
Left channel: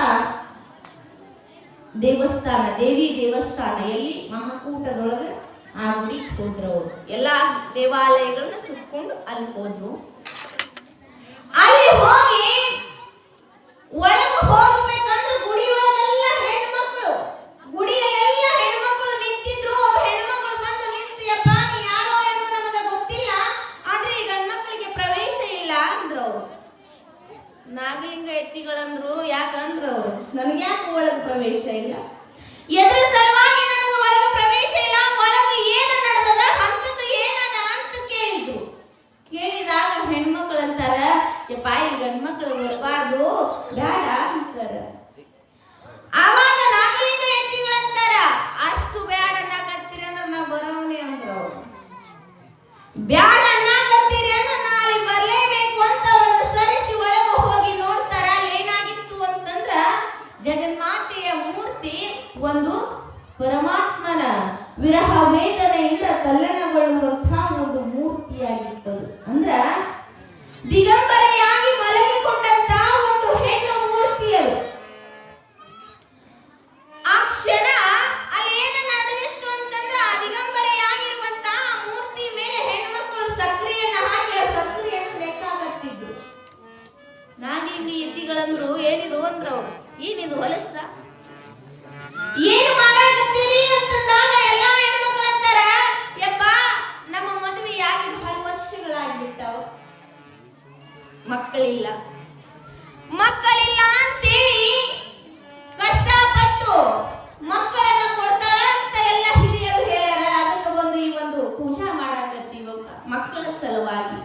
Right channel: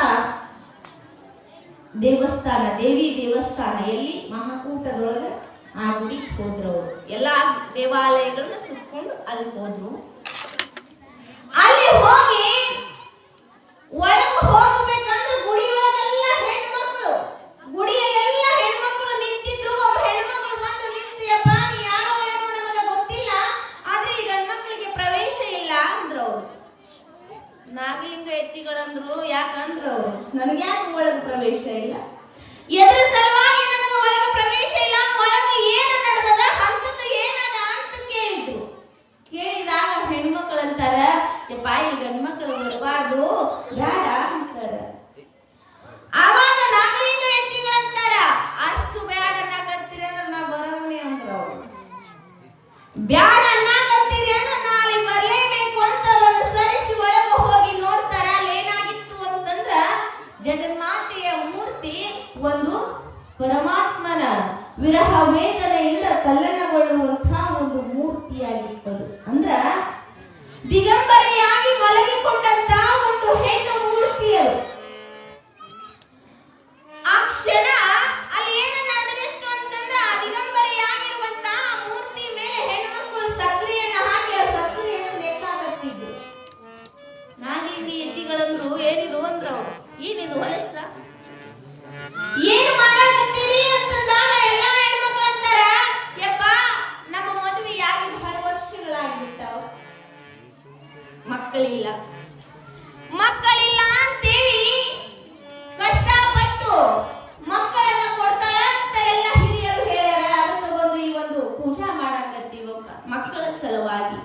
ದೇವಸ್ಥಾನ, ದೇವಿ ದೇವಸ್ಥಾನ, ಎಲ್ಲಿ ಮಹಾಕೂಟದೊಳಗೆ ಆ ಗುಡಿಗೆ ಹೋದ್ರು. ಅವರು ಎಲ್ಲಾ ದೇವಾಲಯಗಳನ್ನ ಸುತ್ಕೊಂಡು ಅಲ್ಲಿ ಹೋದ್ರು. ಅಲ್ಲಿ ಹೋಗಿ ಒಳಗೆ ಹೋಗ್ಬೇಕಂದ್ರೆ ಗುಡಿಯೊಳಗೆಲ್ಲ ಹೆಣ್ಮಕ್ಳು, ಗುಡಿಯಲ್ಲೆಲ್ಲ ಹೆಣ್ಮಕ್ಳು ನಿಂತಿದ್ರು. ಒಬ್ಬ ಹೆಣ್ಮಕ್ಳು ಬಂದು ನಿಂತು, ಯಪ್ಪ ನೀ ಯಾರೋ ಏನೋ ನಮಗೆ ಗೊತ್ತಿಲ್ಲ, ಆದ್ರೆ ಈ ಗಂಡ್ಮಕ್ಳಿಗೆ ಪ್ರವೇಶ ಇಲ್ಲ ಅಂದ್ರು ಅವರು. ನಾಗಲಿಂಗ ಎತ್ತಿಗಳಂದ್ರು, ಯಾಕಂದ್ರು ಅವರು, ನನಗೆ ಯಾಕೆ ಒಳಗೆ ಪ್ರವೇಶ ಇಲ್ಲ, ಎದ್ರ ಸಲುವಾಗಿ ನನಗೆ ಒಳಗೆ ಪ್ರವೇಶ ಇಲ್ಲ, ಒಳಗೆ ಏನು ನಡೆದದ, ಅಂತದ್ದು ಏನದ ಅಂತ ಕೇಳಿದ್ರು. ಕೇಳಿದಾಗ ಹೆಣ್ಮಕ್ಳು ಅಂತಾರ, ಯಪ್ಪ ಈ ಗಂಡ್ಮಕ್ಳು ಬರಬಾರ್ದು, ಬೇಡ ಅಂತಾರ. ಆವಾಗ ನಾಗಲಿಂಗ ಎತ್ತಿಗಳಂತಾರ, ಅಷ್ಟು ಬೇಡ ಅನ್ನಕತ್ತೀರಿ ಅಂದ್ರೆ ನಾ ಬರೋನಿ ಅಂದ್ರು ಅವರು. ಬ್ಯಾಡ ಅನ್ನಕತ್ತೀರಿ ಅಂದ್ರೆ ನಾ ಅಲ್ಲಿ ಬರ್ಲೇಬೇಕು ಅಂತ ಅವ್ರನ್ನ ಸರಿಸಿ ಒಳಗೆ ಹೋಗಿ ನೋಡ್ತಾರ. ಅಲ್ಲಿ ಏನಾಗಿತ್ತು ಅಂತಂದ್ರ ಜಗನ್ಮಾತೆಯ ಮೂರ್ತಿ ಒಂದು ಪರಮಾತ್ಮನ ವಿರಹ ವೇದನೆಯಿಂದ ತಲ್ಲಣಗೊಳ್ಳುವಂತಹ ಒಂದು ಮೂರ್ತಿಯಾಗಿತ್ತು. ಅಂದ್ರ ದಿಗಂಬರೆಯಾಗಿ ಮಲಗಿಕೊಂಡಂತಹ ಒಂದು ಹೆಣ್ಣು ಮೂರ್ತಿ ಅದು. ಆ ಕ್ಷಣ ಅಲ್ಲಿ ಏನು ನಡೆದಿತ್ತು ಅಂತಂದ್ರ ಆ ದಿಗಂಬರೆಯಾಗಿರುವಂತಹ ಮೂರ್ತಿ ಮೇಲೆ ಹೆಣ್ಮಕ್ಳು ಸಕ್ರಿಯನ್ನ ಹಾಕಿ ಆ ಸಕ್ರಿಯನ್ನು ಲೆಕ್ಕ ಹಾಕ್ತಿದ್ರು. ನಾಗಲಿಂಗ ಎತ್ತಿಗಳಂದ್ರು, ಏನಿದು ಅಂದ್ರು ಅವರು, ಏನಿದು ಹೊಲಸ, ಏನು ಮಾಡಾಕತ್ತೀರಿ ಅಂತಂದಾಗ ಎಲ್ಲಾ ಹೆಣ್ಮಕ್ಳು ಅಂತಾರ, ಯಪ್ಪ ನಮ್ಮ ಮದುವೆಯಾಗಿ ಬಹಳ ವರ್ಷಗಳಾಗ್ಬಿಟ್ಟವ, ಮಕ್ಕಳಿಲ್ಲ ಅಂತೇಳಿ ಕಷ್ಟಪಟ್ಟು ಮಕ್ಕಳನ್ನ ಕೊಡ್ತಾಳ ಅಂತ ಎಲ್ಲ ಹಿರಿಯರು ಹೇಳ್ಯಾರ. ಅದಕ್ಕೆ ಒಂದು ಈ ಒಂದು ಪೂಜಾ ಮಾಡಾಕತ್ತೀವಪ್ಪ ಮಕ್ಕಳ ಸಲುವಾಗಿ.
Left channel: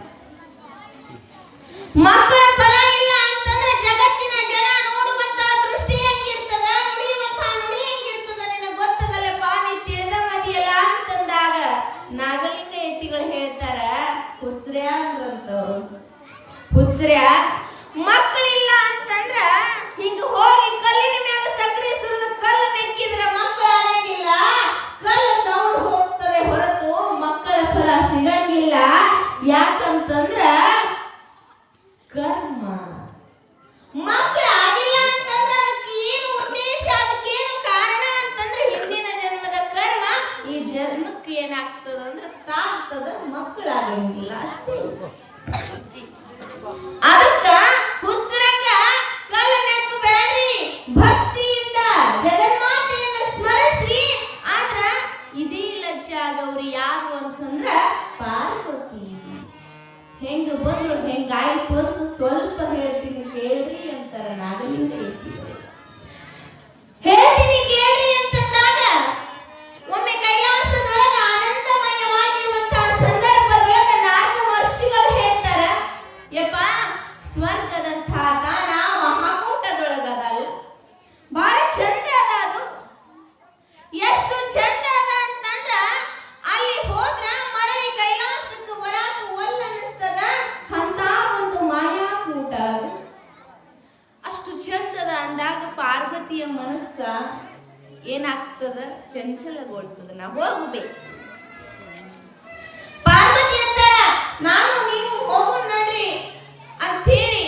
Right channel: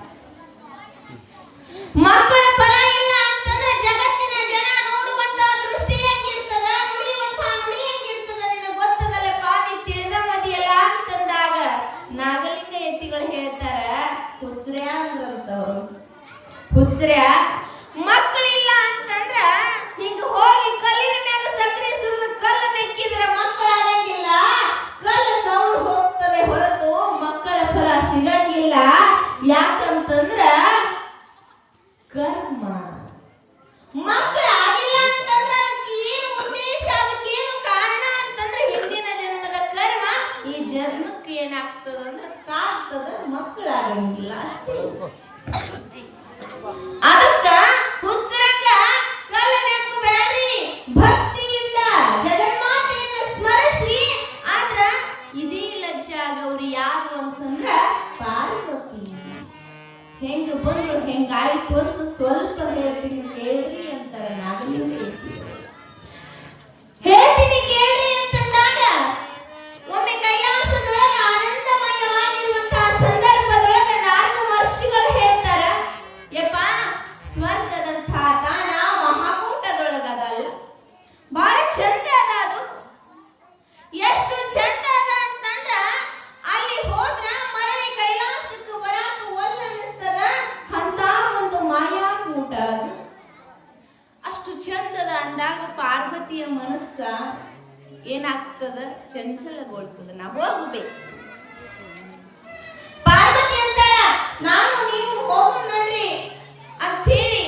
ಮಕ್ಕಳ ಫಲ ಇಲ್ಲ ಅಂತಂದ್ರೆ ಜಗತ್ತಿನ ಜನ ನೋಡುವಂತಹ ದೃಷ್ಟಿ ಹೆಂಗಿರ್ತದ, ನುಡಿಯುವಂತಹ ನುಡಿ ಹೆಂಗಿರ್ತದ, ನಿನಗೆ ಗೊತ್ತದಲ್ಲಪ್ಪ, ನೀ ತಿಳಿದ ಮದಿಯಲ್ಲ ಅಂತಂದಾಗ ನಾಗಲಿಂಗ ಎತ್ತಿಗಳು ಹೇಳ್ತಾರ, ಹುಚ್ರ್ಯಾ ಅಂದ್ರಂತವ್ರು. ಹುಚ್ರ್ಯಾ, ಮಕ್ಕಳಿಲ್ಲ ಅಂತಂದ್ರ ಹಿಂಗ ಹೋಗಿ ಕಲ್ಲಿನ ಮೇಲೆ ಸಕ್ರೆ ಸುರಿದು ಕಲ್ಲು ನೆಕ್ಕಿದ್ರ ಮಕ್ಕಳು ಆಗಂಗಿಲ್ಲ, ಕಲ್ಲು ಸೌಂಡ್ ಹೋಗ್ತದೆ ಹೊರತು ಮಕ್ಕಳ ಫಲ ಸಿಗಂಗಿಲ್ಲ. ಯಾಕಂತಂದ್ರ ಕರ್ಮ. ಮಕ್ಕಳು ಆಗಿಲ್ಲ ಅಂತಂದ್ರೆ ಅದಕ್ಕೆ ಏನು ಉದ್ದೇಶ, ಅದಕ್ಕೇನು ಕಾರಣ ಅಂತಂದ್ರೆ ಹಿಂದಿನ ಜನ್ಮದ ಕರ್ಮ. ಈ ಜನ್ಮಕ್ಕೆ ಏನಾಗ್ತದ ಅಂದ್ರೆ ತಾಗ್ತದ, ಮಕ್ಕಳಾಗಂಗಿಲ್ಲ ಅಷ್ಟೇ. ಅದಕ್ಕ ಹುಚ್ಚರಂಗ ಕಲ್ಲು ನೆಕ್ಕು ಬೇಡ್ರಿ, ಭಕ್ತಿಯಿಂದ ಜಗನ್ಮಾತೆಯನ್ನು ಸ್ಮರಿಸಿ. ಆದ್ರ ಇದೇ ಲಜ್ಜಾಗೌರಿ ಯಾರು ಅಂತಂದ್ರ ಪಾರ್ವತಿ. ಹೆಂಗ ಬಂದ್ರು ಹೆಂಗಾಯ್ತು ಅಂತ ಸ್ವಲ್ಪ ಹೇಳ್ತೀನಿ ಕೇಳ್ರಿ ಅಂತಾರೆ ನಾಗಲಿಂಗ ಎತ್ತಿಗಳು. ಹೇಳ್ತೀನಿ ಕೇಳ್ರಿ ಅಂತಂದಾಗ ಒಮ್ಮೆ ಕೈಲಾಸದೊಳಗ ಆನಂದಮಯವಾಗಿರುವಂತಹ ಸಂದರ್ಭದೊಳಗ ನಾರದ ಮಹರ್ಷಿಗಳು ಹೇಳ್ತಾರ, ಯಪ್ಪ ಸ್ವರ್ಗದಂತಹ ತಾಣ ಮಹಾಕೂಟದೊಳಗದಲ್ಲ, ಬಹಳ ಚಂದ ಅದ. ಅದು ಎಷ್ಟು ಚಂದ ಅದ ಅಂತಂದ್ರ ಅಲ್ಲಿ ಹೋದ್ರ ಮರಳಿ ಕೈಲಾಸಕ್ಕೆ ಬರಾಕ ಒಲ್ಲ ಅನ್ನಿಸ್ತದ. ಅಂತ ಒಂದು ಮಾಯಾಕೂಟ ಅದು. ಚಂದದ ಅಂದಾಗ ಪಾರ್ವತಿಯ ಮನಸ್ಸ ಏನಾಗ್ತದ, ಚಂಚಲಗೊಳ್ತದ. ನಾ ಹೋಗ್ಬೇಕು. ಪಾರ್ವತಿ ಅಂತ ನಾನು ನೀವು ಹೋಗು ನಡ್ರಿ ಅಂತ ಹೇಳಿ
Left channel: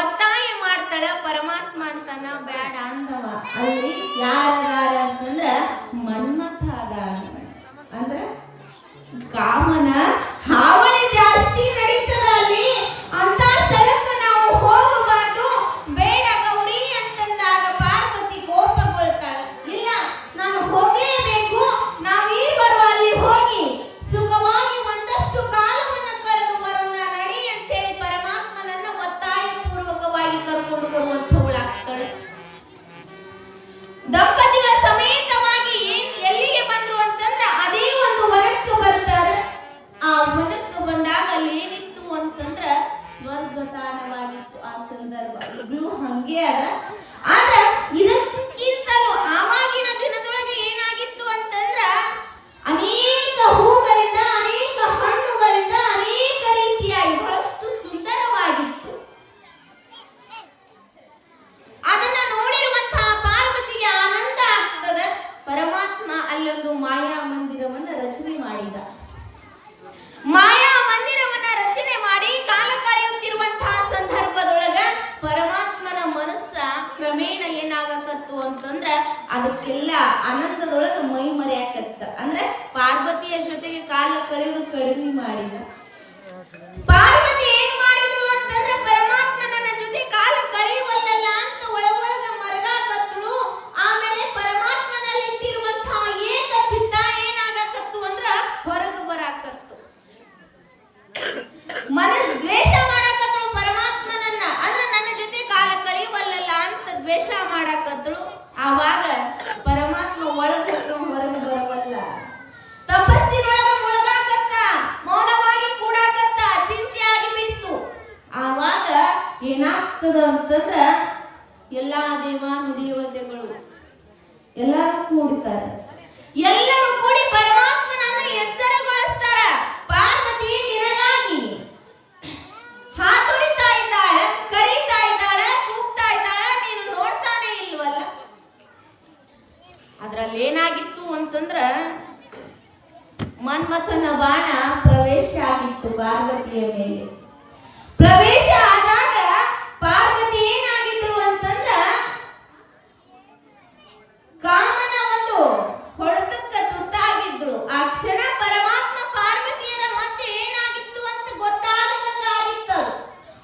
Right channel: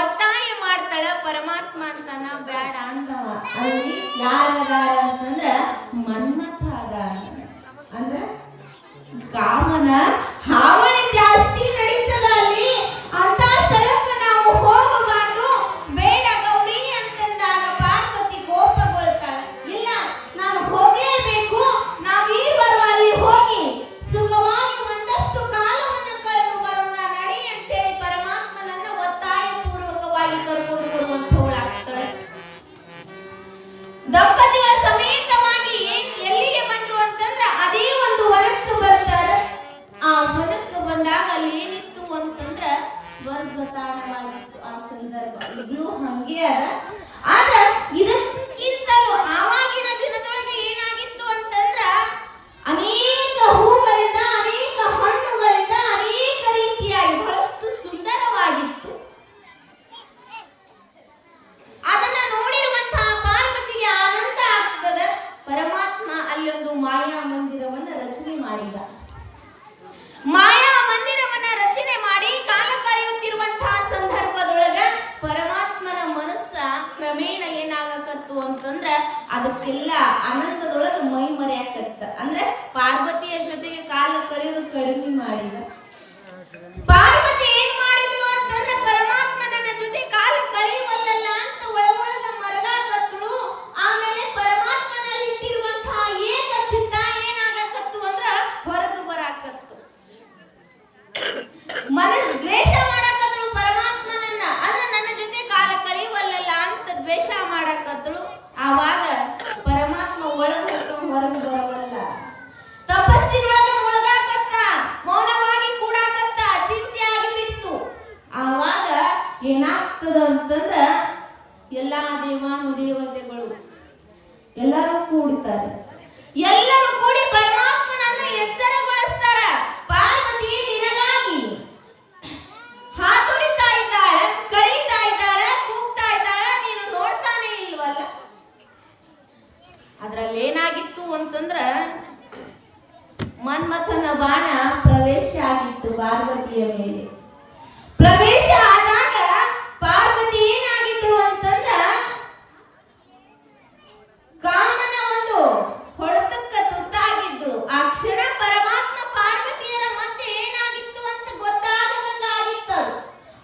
ಒತ್ತಾಯ ಮಾಡ್ತಾಳ. ಪರಮಾತ್ಮ ಅಂತಾನ ಬ್ಯಾಡ ಅಂದವ. ಅಲ್ಲಿ ಯಾರದಾರ ಅಂತಂದ್ರ ಮನ್ಮಥ ಅದಾರ. ಅಂದ್ರ ಕಾಮನ ಹಾವಳಿ ಜಾಸ್ತಿ ನಡೀತದ ಅಲ್ಲಿ. ಅಂತ ಸ್ಥಳಕ್ಕೆ ನಾವು ಹೋಗಬಾರ್ದು, ಬೇಡ ಗೌರಿ ಅಂತಂದಾಗ ಪಾರ್ವತಿ ಕೋಪಗೊಳ್ತಾಳ. ಇಲ್ಲ, ನಾನು ಹೋಗಲೇಬೇಕು, ನಾವೀರ್ವರು ಅಲ್ಲಿ ಹೋಗಿ ಸುಖವಾಗಿ ಒಂದಷ್ಟು ಕಾಲವನ್ನು ಕಳೆದು ಬರೋಣ ನಡಿ ಅಂತೇಳಿ ಪರಮಾತ್ಮನನ್ನ ಒತ್ತಾಯ ಪೂರ್ವಕವಾಗಿ ಕರ್ಕೊಂಡು ಬರುವಂತವಳಾಗ್ತಾಳೆ. ದಂಪತಿಗಳ ಸಮೇತವಾಗಿ ಎಲ್ಲಿಗೆ ಬಂದ್ರು ಅಂತಂದ್ರ ಅದೇ ಒಂದು ವನಕ್ಕೆ ಬರ್ತಾರೆ. ಆ ವನಕ್ಕೆ ಬಂದಾಗ ಅಲ್ಲಿ ಏನಿತ್ತು ಅಂತಂದ್ರ ಸ್ವರ್ಗ ತಾಣವಾಗಿತ್ತು. ಆ ಸಂದರ್ಭ ಇಬ್ರು ಹಂಗೆ ಅದ. ಆದ್ರ ಇದಕ್ಕಿಂತಲೂ ಆವಾಗಿನ ದಿನದೊಳಗೆ ಏನಾಗಿತ್ತು ಅಂತಂದ್ರ ಅನೇಕ ಹೂಗಳಿಂದ, ಅನೇಕ ಹಣ್ಣುಗಳಿಂದ, ಅನೇಕ ರೀತಿಯಾಗಿ ಬಹಳಷ್ಟು ಸುಂದರವಾಗಿತ್ತು. ಅದನ್ನ ನೋಡಿರುವಂತಹ ಪಾರ್ವತಿಗೆ ಆನಂದ ಆಗ್ತದೆ. ಪರಮಾತ್ಮ ಅಲ್ಲೊಂದು ಮಾಯಾ ಮಂದಿರವನ್ನ ರಚನೆ ಮಾಡಿದ. ಮಾಯಾ ಮಂದಿರವನ್ನ ರಚನೆ ಮಾಡಿ ಕಾಲ ಕಳೆಯುತ್ತಿರುವಂತಹ ಸಂದರ್ಭದೊಳಗ ಪರಮಾತ್ಮನ ಮನಸ್ಸ ಕ್ರಮೇಣ ಏನಾಗಕತ್ತು ಅಂತಂದ್ರ ಅದಕ್ಕೆಲ್ಲ ಆನಂದದೊಳಗ ಮೈ ಮರೆಯಾಕತ್ತ. ಅಂದ್ರೆ ಪಾರ್ವತಿಯ ಜೊತೆಗೆ ಕಾಲ ಕಳೆದು ಕಡಿಮೆ ಮಾಡಿದ. ಪಾರ್ವತಿ ಏನ್ ಮಾಡಿದ್ರು ಅಂತಂದ್ರೆ ಪರಮಾತ್ಮ ನನ್ನ ಜೊತೆ ಕಾಲ ಕಳೆಯುವಲ್ಲ ಅಂತ ಒಳಗ ಮರಗಾಕತ್ರು. ಆಮೇಲೆ ಪರಮಾತ್ಮನಲ್ಲಿ ಇಟ್ಟಿರುವಂತಹ ಏಕ ಚಿತ್ತ ಏನಾಗಕತ್ತು ಅಂದ್ರ ಹೊರಗೆ ಬರಾಕತ್ತು. ಮನಸ್ ದ್ವೇಷ ಮಾಡಕತ್ರು ಪರಮಾತ್ಮನನ್ನ. ಅಂದ್ರೆ ನನ್ನ ಜೊತೆ ಕಾಲ ಕಳೆಯುವಲ್ಲ ಅಂತ ದ್ವೇಷ ಮಾಡಕತ್ರು. ಆವಾಗ ಪರಮಾತ್ಮ ಒಳಗೆ ಹೊರಗೆ ಬರವಲ್ಲ. ತಪಸ್ಸಿನೊಳಗ ಮುಳುಗಾಕತ್ತ, ಮೌನವಾಗಿ ಕೂಡಾಕತ್ತ, ಚಿಂತೆಯಾಗಿ ಬಿಟ್ಟು. ಆವಾಗ ಏನಾಗ್ತದ ಅಂತಂದ್ರ ಎಲ್ಲಾ ದೇವಾನುದೇವತೆಗಳು ಎಲ್ಲರೂ ಕೂಡ್ತಾರೆ. ಎಲ್ಲರೂ ಕೂಡಿ ಪರಮಾತ್ಮನನ್ನ ಎಚ್ಚರಗೊಳಿಸ್ತಾರ. ಪಾರ್ವತಿ ನಿನಗಾಗಿ ಹಾತೊರಿತಾ ಇದ್ದಾಳ, ಕರೀತಾ ಇದ್ದಾಳ, ಕೂಗ್ತಾ ಇದ್ದಾಳ, ನೀನು ನೋಡ್ತಾನೆ ಇಲ್ವಲ್ಲ. ಅದ್ರಲ್ಲಿ ಏನಾಗಿತ್ತು ಅಂತಂದ್ರ ಮನ್ಮಥನ ಬಾಣ ಪ್ರವೇಶ ಆಗಿತ್ತು ಪಾರ್ವತಿಯ ಮೇಲೆ. ಪ್ರವೇಶ ಆದಾಗ ಪಾರ್ವತಿ ಏನಾಗಿತ್ತು ಅಂತಂದ್ರ ಕಾಮನ ಒಂದು ಹೊಡೆತಕ್ಕ ತುತ್ತಾಗಿದ್ರು. ಆ ಕ್ಷಣ ಪರಮಾತ್ಮ ಪಾರ್ವತಿಯರ ಮಧ್ಯೆ ಏನಾಗಿತ್ತು ಅಂತ ಗೊತ್ತಾಗದಂಗಾಗಿತ್ತು.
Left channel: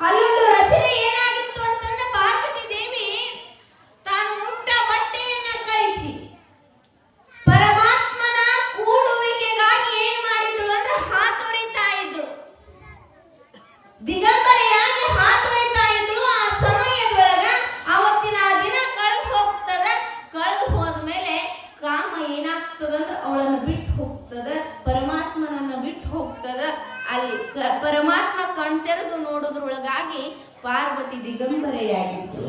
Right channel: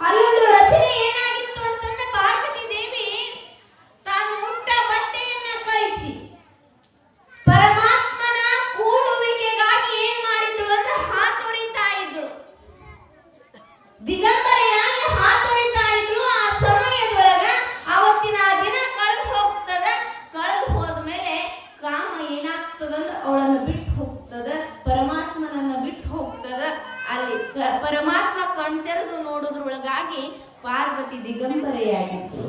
ಅಲ್ಲೊಂದು ರಚನೆ ಏನಾಗಿತ್ತು ಅಂತಂದ್ರೆ ಪಾರ್ವತಿ ದೇವಿ ತಾನು ಉಟ್ಟ ಬಟ್ಟೆಯನ್ನ ಕಳಿಸಿ ಪರಮಾತ್ಮನ ಕೂಡುವಿಕೆಗಾಗಿ ಏನ್ ಮಾಡಿದ್ರು ಅಂದ್ರೆ ಹಾತೊರಿತಾ ಇದ್ರು. ದಿಗಂಬರೆಯಾಗಿ ಹಾತೊರಿತಾ ಇದ್ರು. ಆ ಸಮಯದೊಳಗ ಅವತ್ತಿನ ದಿನ ಕಳೆದು ಹೋಗ್ತದ. ಕಳೆದು ಹೋದ್ಮೇಲೆ ಕಾಮ ಏನಾಗ್ತದಂದ್ರೆ ಅವಳನ್ನು ಬಿಟ್ಟು ಹೋಗ್ತದ, ಪರಮಾತ್ಮನನ್ನ ಬಿಟ್ಟು ಹೋಗ್ತದ. ಅಲ್ಲಿ ಪರಮಾತ್ಮ ಕಣ್ತೆರೆದು ನೋಡೋದ್ರೊಳಗಾಗಿ ಪಾರ್ವತಿ ದಿಗಂಬರೆಯಾಗಿದ್ರು.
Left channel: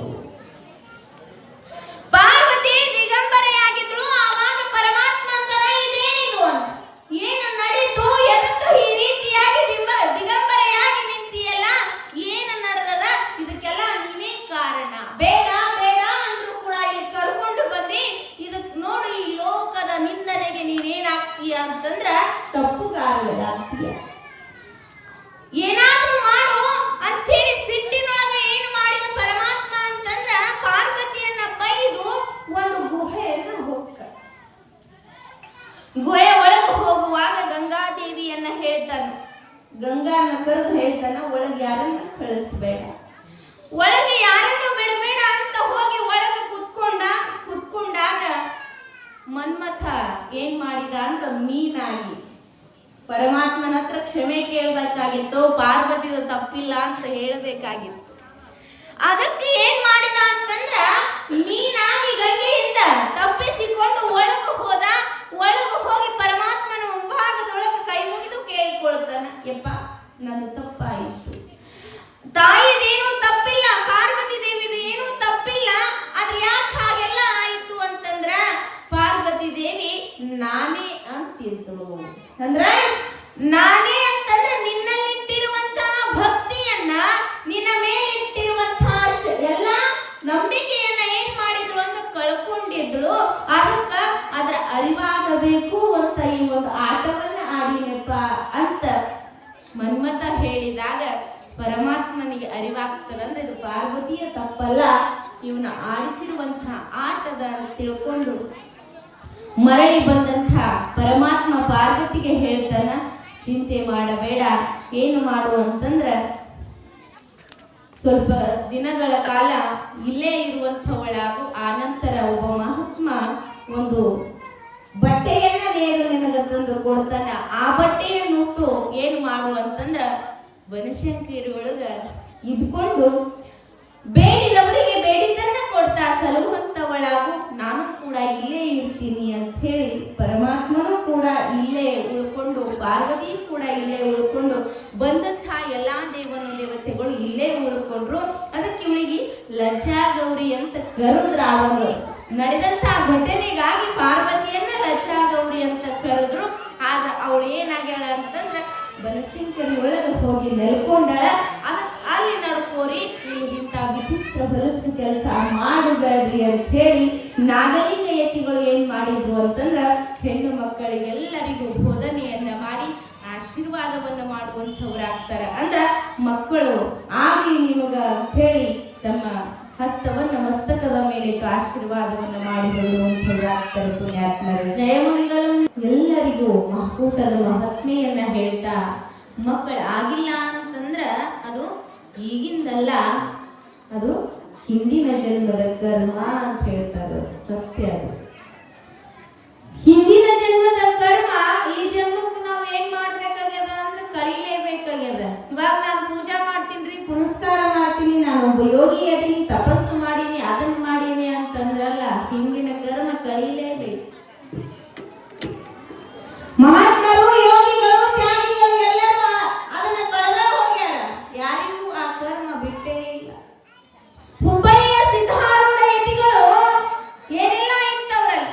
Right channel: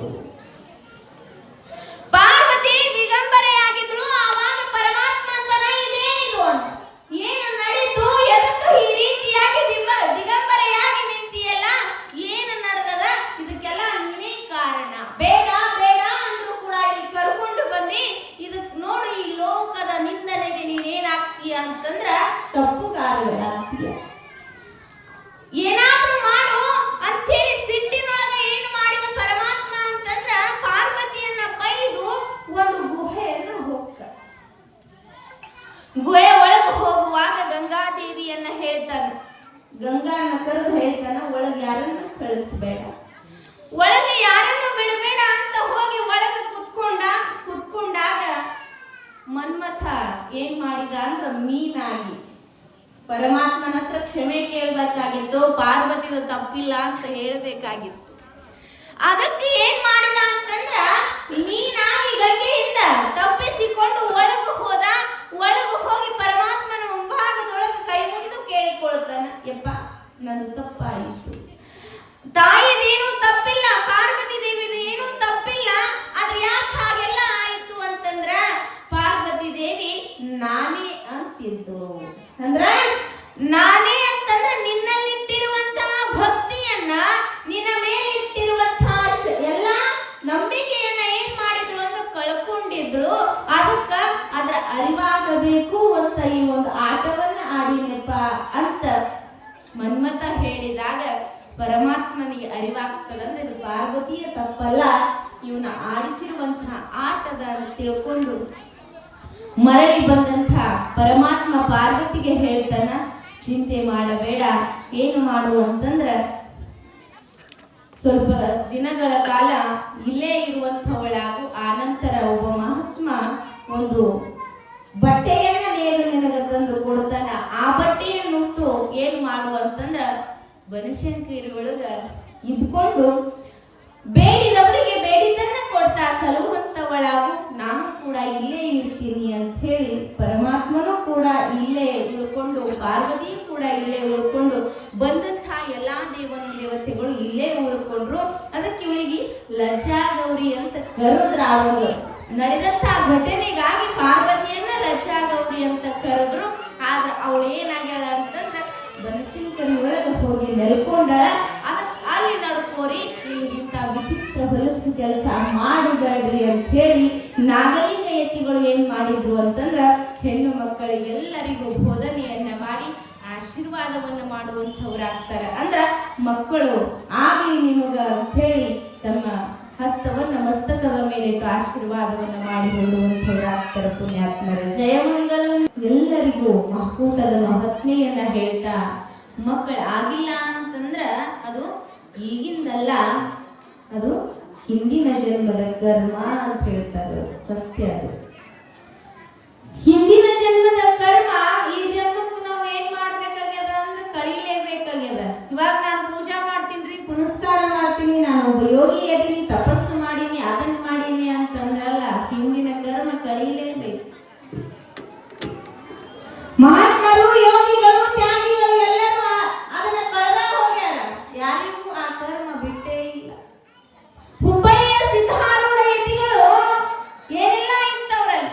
ಪಾರ್ವತಿ ದಿಗಂಬರೆಯಾಗಿದ್ರು. ಆವಾಗ ಪರಮಾತ್ಮ ಅಂತನ ಇದೇನಿದು ಅಂತ ಏನು ನಡೀತು, ಎದಕ್ಕೆ ಈ ರೀತಿಯಾಗಿ ದಿಗಂಬರೆಯಾಗಿ ನಿಂತಿಯಲ್ಲ, ಏನು ನಡೆದದ, ಇದಕ್ಕೆಲ್ಲ ನೀನೇ ಕಾರಣ. ಬೇಡ ಬೇಡ ಅಂದ್ರೂ ಕೂಡ ಇಲ್ಲಿ ಕರ್ಕೊಂಡು ಬಂದಿ. ಇದಕ್ ನೋಡು, ಈ ಲೋಕದ ನಿಂದನೆಗೆ ನೀನೇನಾಗ್ತೀಯ ಅಂತಂದ್ರ ತಪ್ಪುಗಾರರಾಗ್ತೀಯ. ಏನಾದ್ರೂ ಮಾಡು ಅಂತೇಳಿ ಸಿಟ್ಟಿನೊಳಗ ಏನು ಮಾಡಿದ ಪರಮಾತ್ಮ ಅಂತಂದ್ರ ಪಾರ್ವತಿಯನ್ನ ಬೈದು ಒಂದು ಗುಹೆಯನ್ನ ಹೋಗ್ತ. ಗುಹೆ ಒಳಗೆ ಹೋಗುವಾಗ ಗಂಗಾದೇವಿಯನ್ನ ಹೇಳ್ತಾನೆ. ಗಂಗಾನ ಕರೆದು ಹೇಳ್ತಾನ, ಒಳಗೆ ಯಾರನ್ನು ಕಳಿಸ್ಬೇಡ, ಒಳಗೆ ಯಾರನ್ನು ಬಿಡಬೇಡ ಅಂತ ಹೋಗಿ ಒಳಗೆ ಕುತ್ಕೊಂಡಾಗ ಮನ್ಮಥ ಏನ್ ಮಾಡಿದ ಅಂದ್ರೆ ಮೀನಾಗಿ ಪರಮಾತ್ಮನ ಹತ್ರ ಕ್ಷಮೆ ಕೇಳಬೇಕಾಗಿತ್ತು. ಪಾರ್ವತಿದು ತಪ್ಪಿಲ್ಲ ಅಂತ ಹೇಳಬೇಕಾಗಿತ್ತು. ಅದಕ್ಕೆ ಏನ್ ಮಾಡಿದ ಅಂತಂದ್ರ ಮೀನಾಗಿ ಗಂಗೆಯಿಂದ ತಪ್ಪಿಸಿಕೊಂಡು ಒಳಗೆ ಹೋದ. ಒಳಗೆ ಹೋಗಿ ಪರಮಾತ್ಮನ ಮುಂಭಾಗದೊಳಗೆ ಕೈ ಮುಗಿದು ಕೇಳಿಕೊಳ್ಳುತ್ತಾನ, ಯಪ್ಪ ನನ್ನ ತಪ್ಪಾಯಿತು. ತಾಯಿದೇನು ತಪ್ಪಿಲ್ಲ, ಪಾರ್ವತಿ ದೇವಿದು ಏನೂ ತಪ್ಪಿಲ್ಲ. ಆದ್ರೆ ಯಾಕೆ ಹಾಗೆಲ್ಲ ಆಯಿತು ಅಂತಂದ್ರ ಪಾರ್ವತಿ ದೇವಿ ನಾನೇ ಅಂತಿದ್ರು. ಅಂದ್ರ ನಾನೇ ಅಂತಂದ್ರೆ ನಿನ್ನಲ್ಲಿಟ್ಟಿರುವಂತಹ ಭಕ್ತಿಯನ್ನ, ನಿನ್ನ ಮೇಲೆ ಇಟ್ಟಿರುವಂತಹ ಎಲ್ಲ ನಂಬಿಕೆ ತಪ್ಪಲ್ಲ, ಇವನ ಆಡಿಸಿರುವಂತಹ ಆಟದ ಅಂತ ತಿಳ್ಕೊಂಡು ಮರಳಿ ಬಂದಂಥ ಪರಮಾತ್ಮ ಪಾರ್ವತಿಗೆ ಹೇಳ್ತಾನ, ಚಿಂತೆ ಮಾಡಬೇಡ, ಏನು ಮಾಡು ಅಂತಂದ್ರ ಸ್ವಲ್ಪ ದಿನಗಳ ಕಾಲ ಇಲ್ಲೇ ಇರುವಂಥವಳಾಗು. ಆನಂತರ ಒಬ್ಬ ಮಹಾತ್ಮ ಒಂದು ಬಟ್ಟೆಯನ್ನ ನೇರು ನಿನಗೆ ತಂದು ಕೊಡ್ತಾನ. ಆ ಬಟ್ಟೆಯನ್ನು ಉಟ್ಟು ಏನು ಮಾಡು ಅಂತಂದ್ರ ಬನಶಂಕರಿ ಒಳಗ ಇದ್ಕೊಂಡು ಬೇಡಿದವರಿಗೆ ಬೇಡಿದ್ದನ್ನ ಕೊಡ್ತಾ ಸಲುವಂತವಳಾಗು. ನಾನು ಕೂಡ ಇಲ್ಲೇ ಇರ್ತೀನಿ ಅಂತ ಹೇಳಿ ಪರಮಾತ್ಮನೂ ಕೂಡ ಇಲ್ಲೇ ಉಳ್ಕೊಂಡು, ಪಾರ್ವತಿಯೂ ಕೂಡ ಇಲ್ಲೇ ಉಳ್ಕೊಂಡು, ಬಂದಂತಹ ಎಲ್ಲಾ ದೇವತೆಗಳು ಇಲ್ಲೇ ಉಳ್ಕೊಂಡ್ರು. ಅದಕ್ಕೆ ಇವಳಿಗೆ ಲಜ್ಜಾಗೌರಿ ಅಂತ ಕರೆದ್ರ. ಅವರು ನಡೆದಂತಹ ಘಟನೆಗಾಗಿ ಪಾರ್ವತಿಯನ್ನ ಲಜ್ಜಾಗೌರಿ ಅಂತ ಕರೆದ್ರು. ಆದ್ರೆ ಅವಳು ಏನಾಗ್ಯಾಳ ಅಂತಂದ್ರ ಬನಶಂಕರಿ ಒಳಗೆ ಹೋಗಿ ನೆಲ್ಕೊಂಡಳ. ಅಲ್ಲಿ ನಡ್ಕೋರಿ, ಇಂಥ ವಿಚಿತ್ರ ಹೊಲಸು ಕೆಲಸ ಮಾಡಬೇಡ್ರಿ ಅಂತ ಹೇಳಿ ನಾಗಲಿಂಗ ಯತಿಗಳು ಏನ್ ಮಾಡಿದ್ರು ಅಂತಂದ್ರ ಹೆಣ್ಣು ಮಕ್ಕಳಿಗೆಲ್ಲರಿಗೂ ಬೋಧನೆಯನ್ನ ಮಾಡಿ ಆಶೀರ್ವಾದವನ್ನ ಮಾಡುವಂಥವ್ರಾಗ್ತಾರ. ಅಂದ್ರ ಮಕ್ಕಳು ಆಗ್ಲಿ ನಿಮಗ ಅಂತ ಹೇಳಿ ತಮ್ಮ ಹಸ್ತವನ್ನ ಮಸ್ತಕದ ಮೇಲೆ ಆಶೀರ್ವಾದವನ್ನ ಮಾಡಿ ಹೇಳುವಂಥವ್ರಾಗ್ತಾರೆ ಪುಣ್ಯಾತ್ಮರು. ಜಯಮಂಗಲಂ. ಎಲ್ಲರಿಗೂ ಮಕ್ಕೂಟದ ಮಹಾತ್ಮೆಯನ್ನ ಹೇಳ್ತಾ, ಮಕ್ಕಳು ಆಗಿಲ್ಲ ಅಂತಂದ್ರ ಅದು ಈಗಿಂದಲ್ಲ, ಅದು ಹಿಂದಿನ ಜನ್ಮದ ಕರ್ಮ ಅಂತ ಹೇಳ್ತಾರೆ. ಸತ್ಯ ಅದು. ಹಿಂದಿನ ಜನ್ಮದ ಕರ್ಮ ಈ ಜನ್ಮಕ್ಕೂ ನಾವು ಏನ್ ಮಾಡ್ಬೇಕಾಗ್ಯದ ಅಂದ್ರೆ ಕಳೀಲೇಬೇಕಾಗ್ಯದ. ಇವಾಗ ನಾನು ಪೂಜಾ ಮಾಡ್ತೀನಿ, ಪುನಸ್ಕಾರ ಮಾಡ್ತೀನಿ, ನಾನು ಒಬ್ಬ ಯೋಗಿ ಅದೀನಿ, ತಪಸ್ಸು ಮಾಡೀನಿ, ಅದನ್ನ ಮಾಡೀನಿ ಅಂತಂದ್ರಲ್ಲ, ಹಿಂದಿನ ಕರ್ಮ ಕಳೀಲೇಬೇಕು. ಮಹಾತ್ಮರು, ಯೋಗಿಗಳು, ತ್ಯಾಗಿಗಳು ಎಲ್ಲರೂ ಅದನ್ನ ಕಳೆದ ಹೋಗ್ಯಾರ. ಯಾರಿಗೂ ಆ ಕರ್ಮ ಬಿಟ್ಟೇ ಇಲ್ಲ. ಹುಬ್ಬಳ್ಳಿಯ ಸಿದ್ಧಾರೂಢ ಯತಿಗಳು ಏನೆಲ್ಲ ಇತ್ತವರಲ್ಲಿ,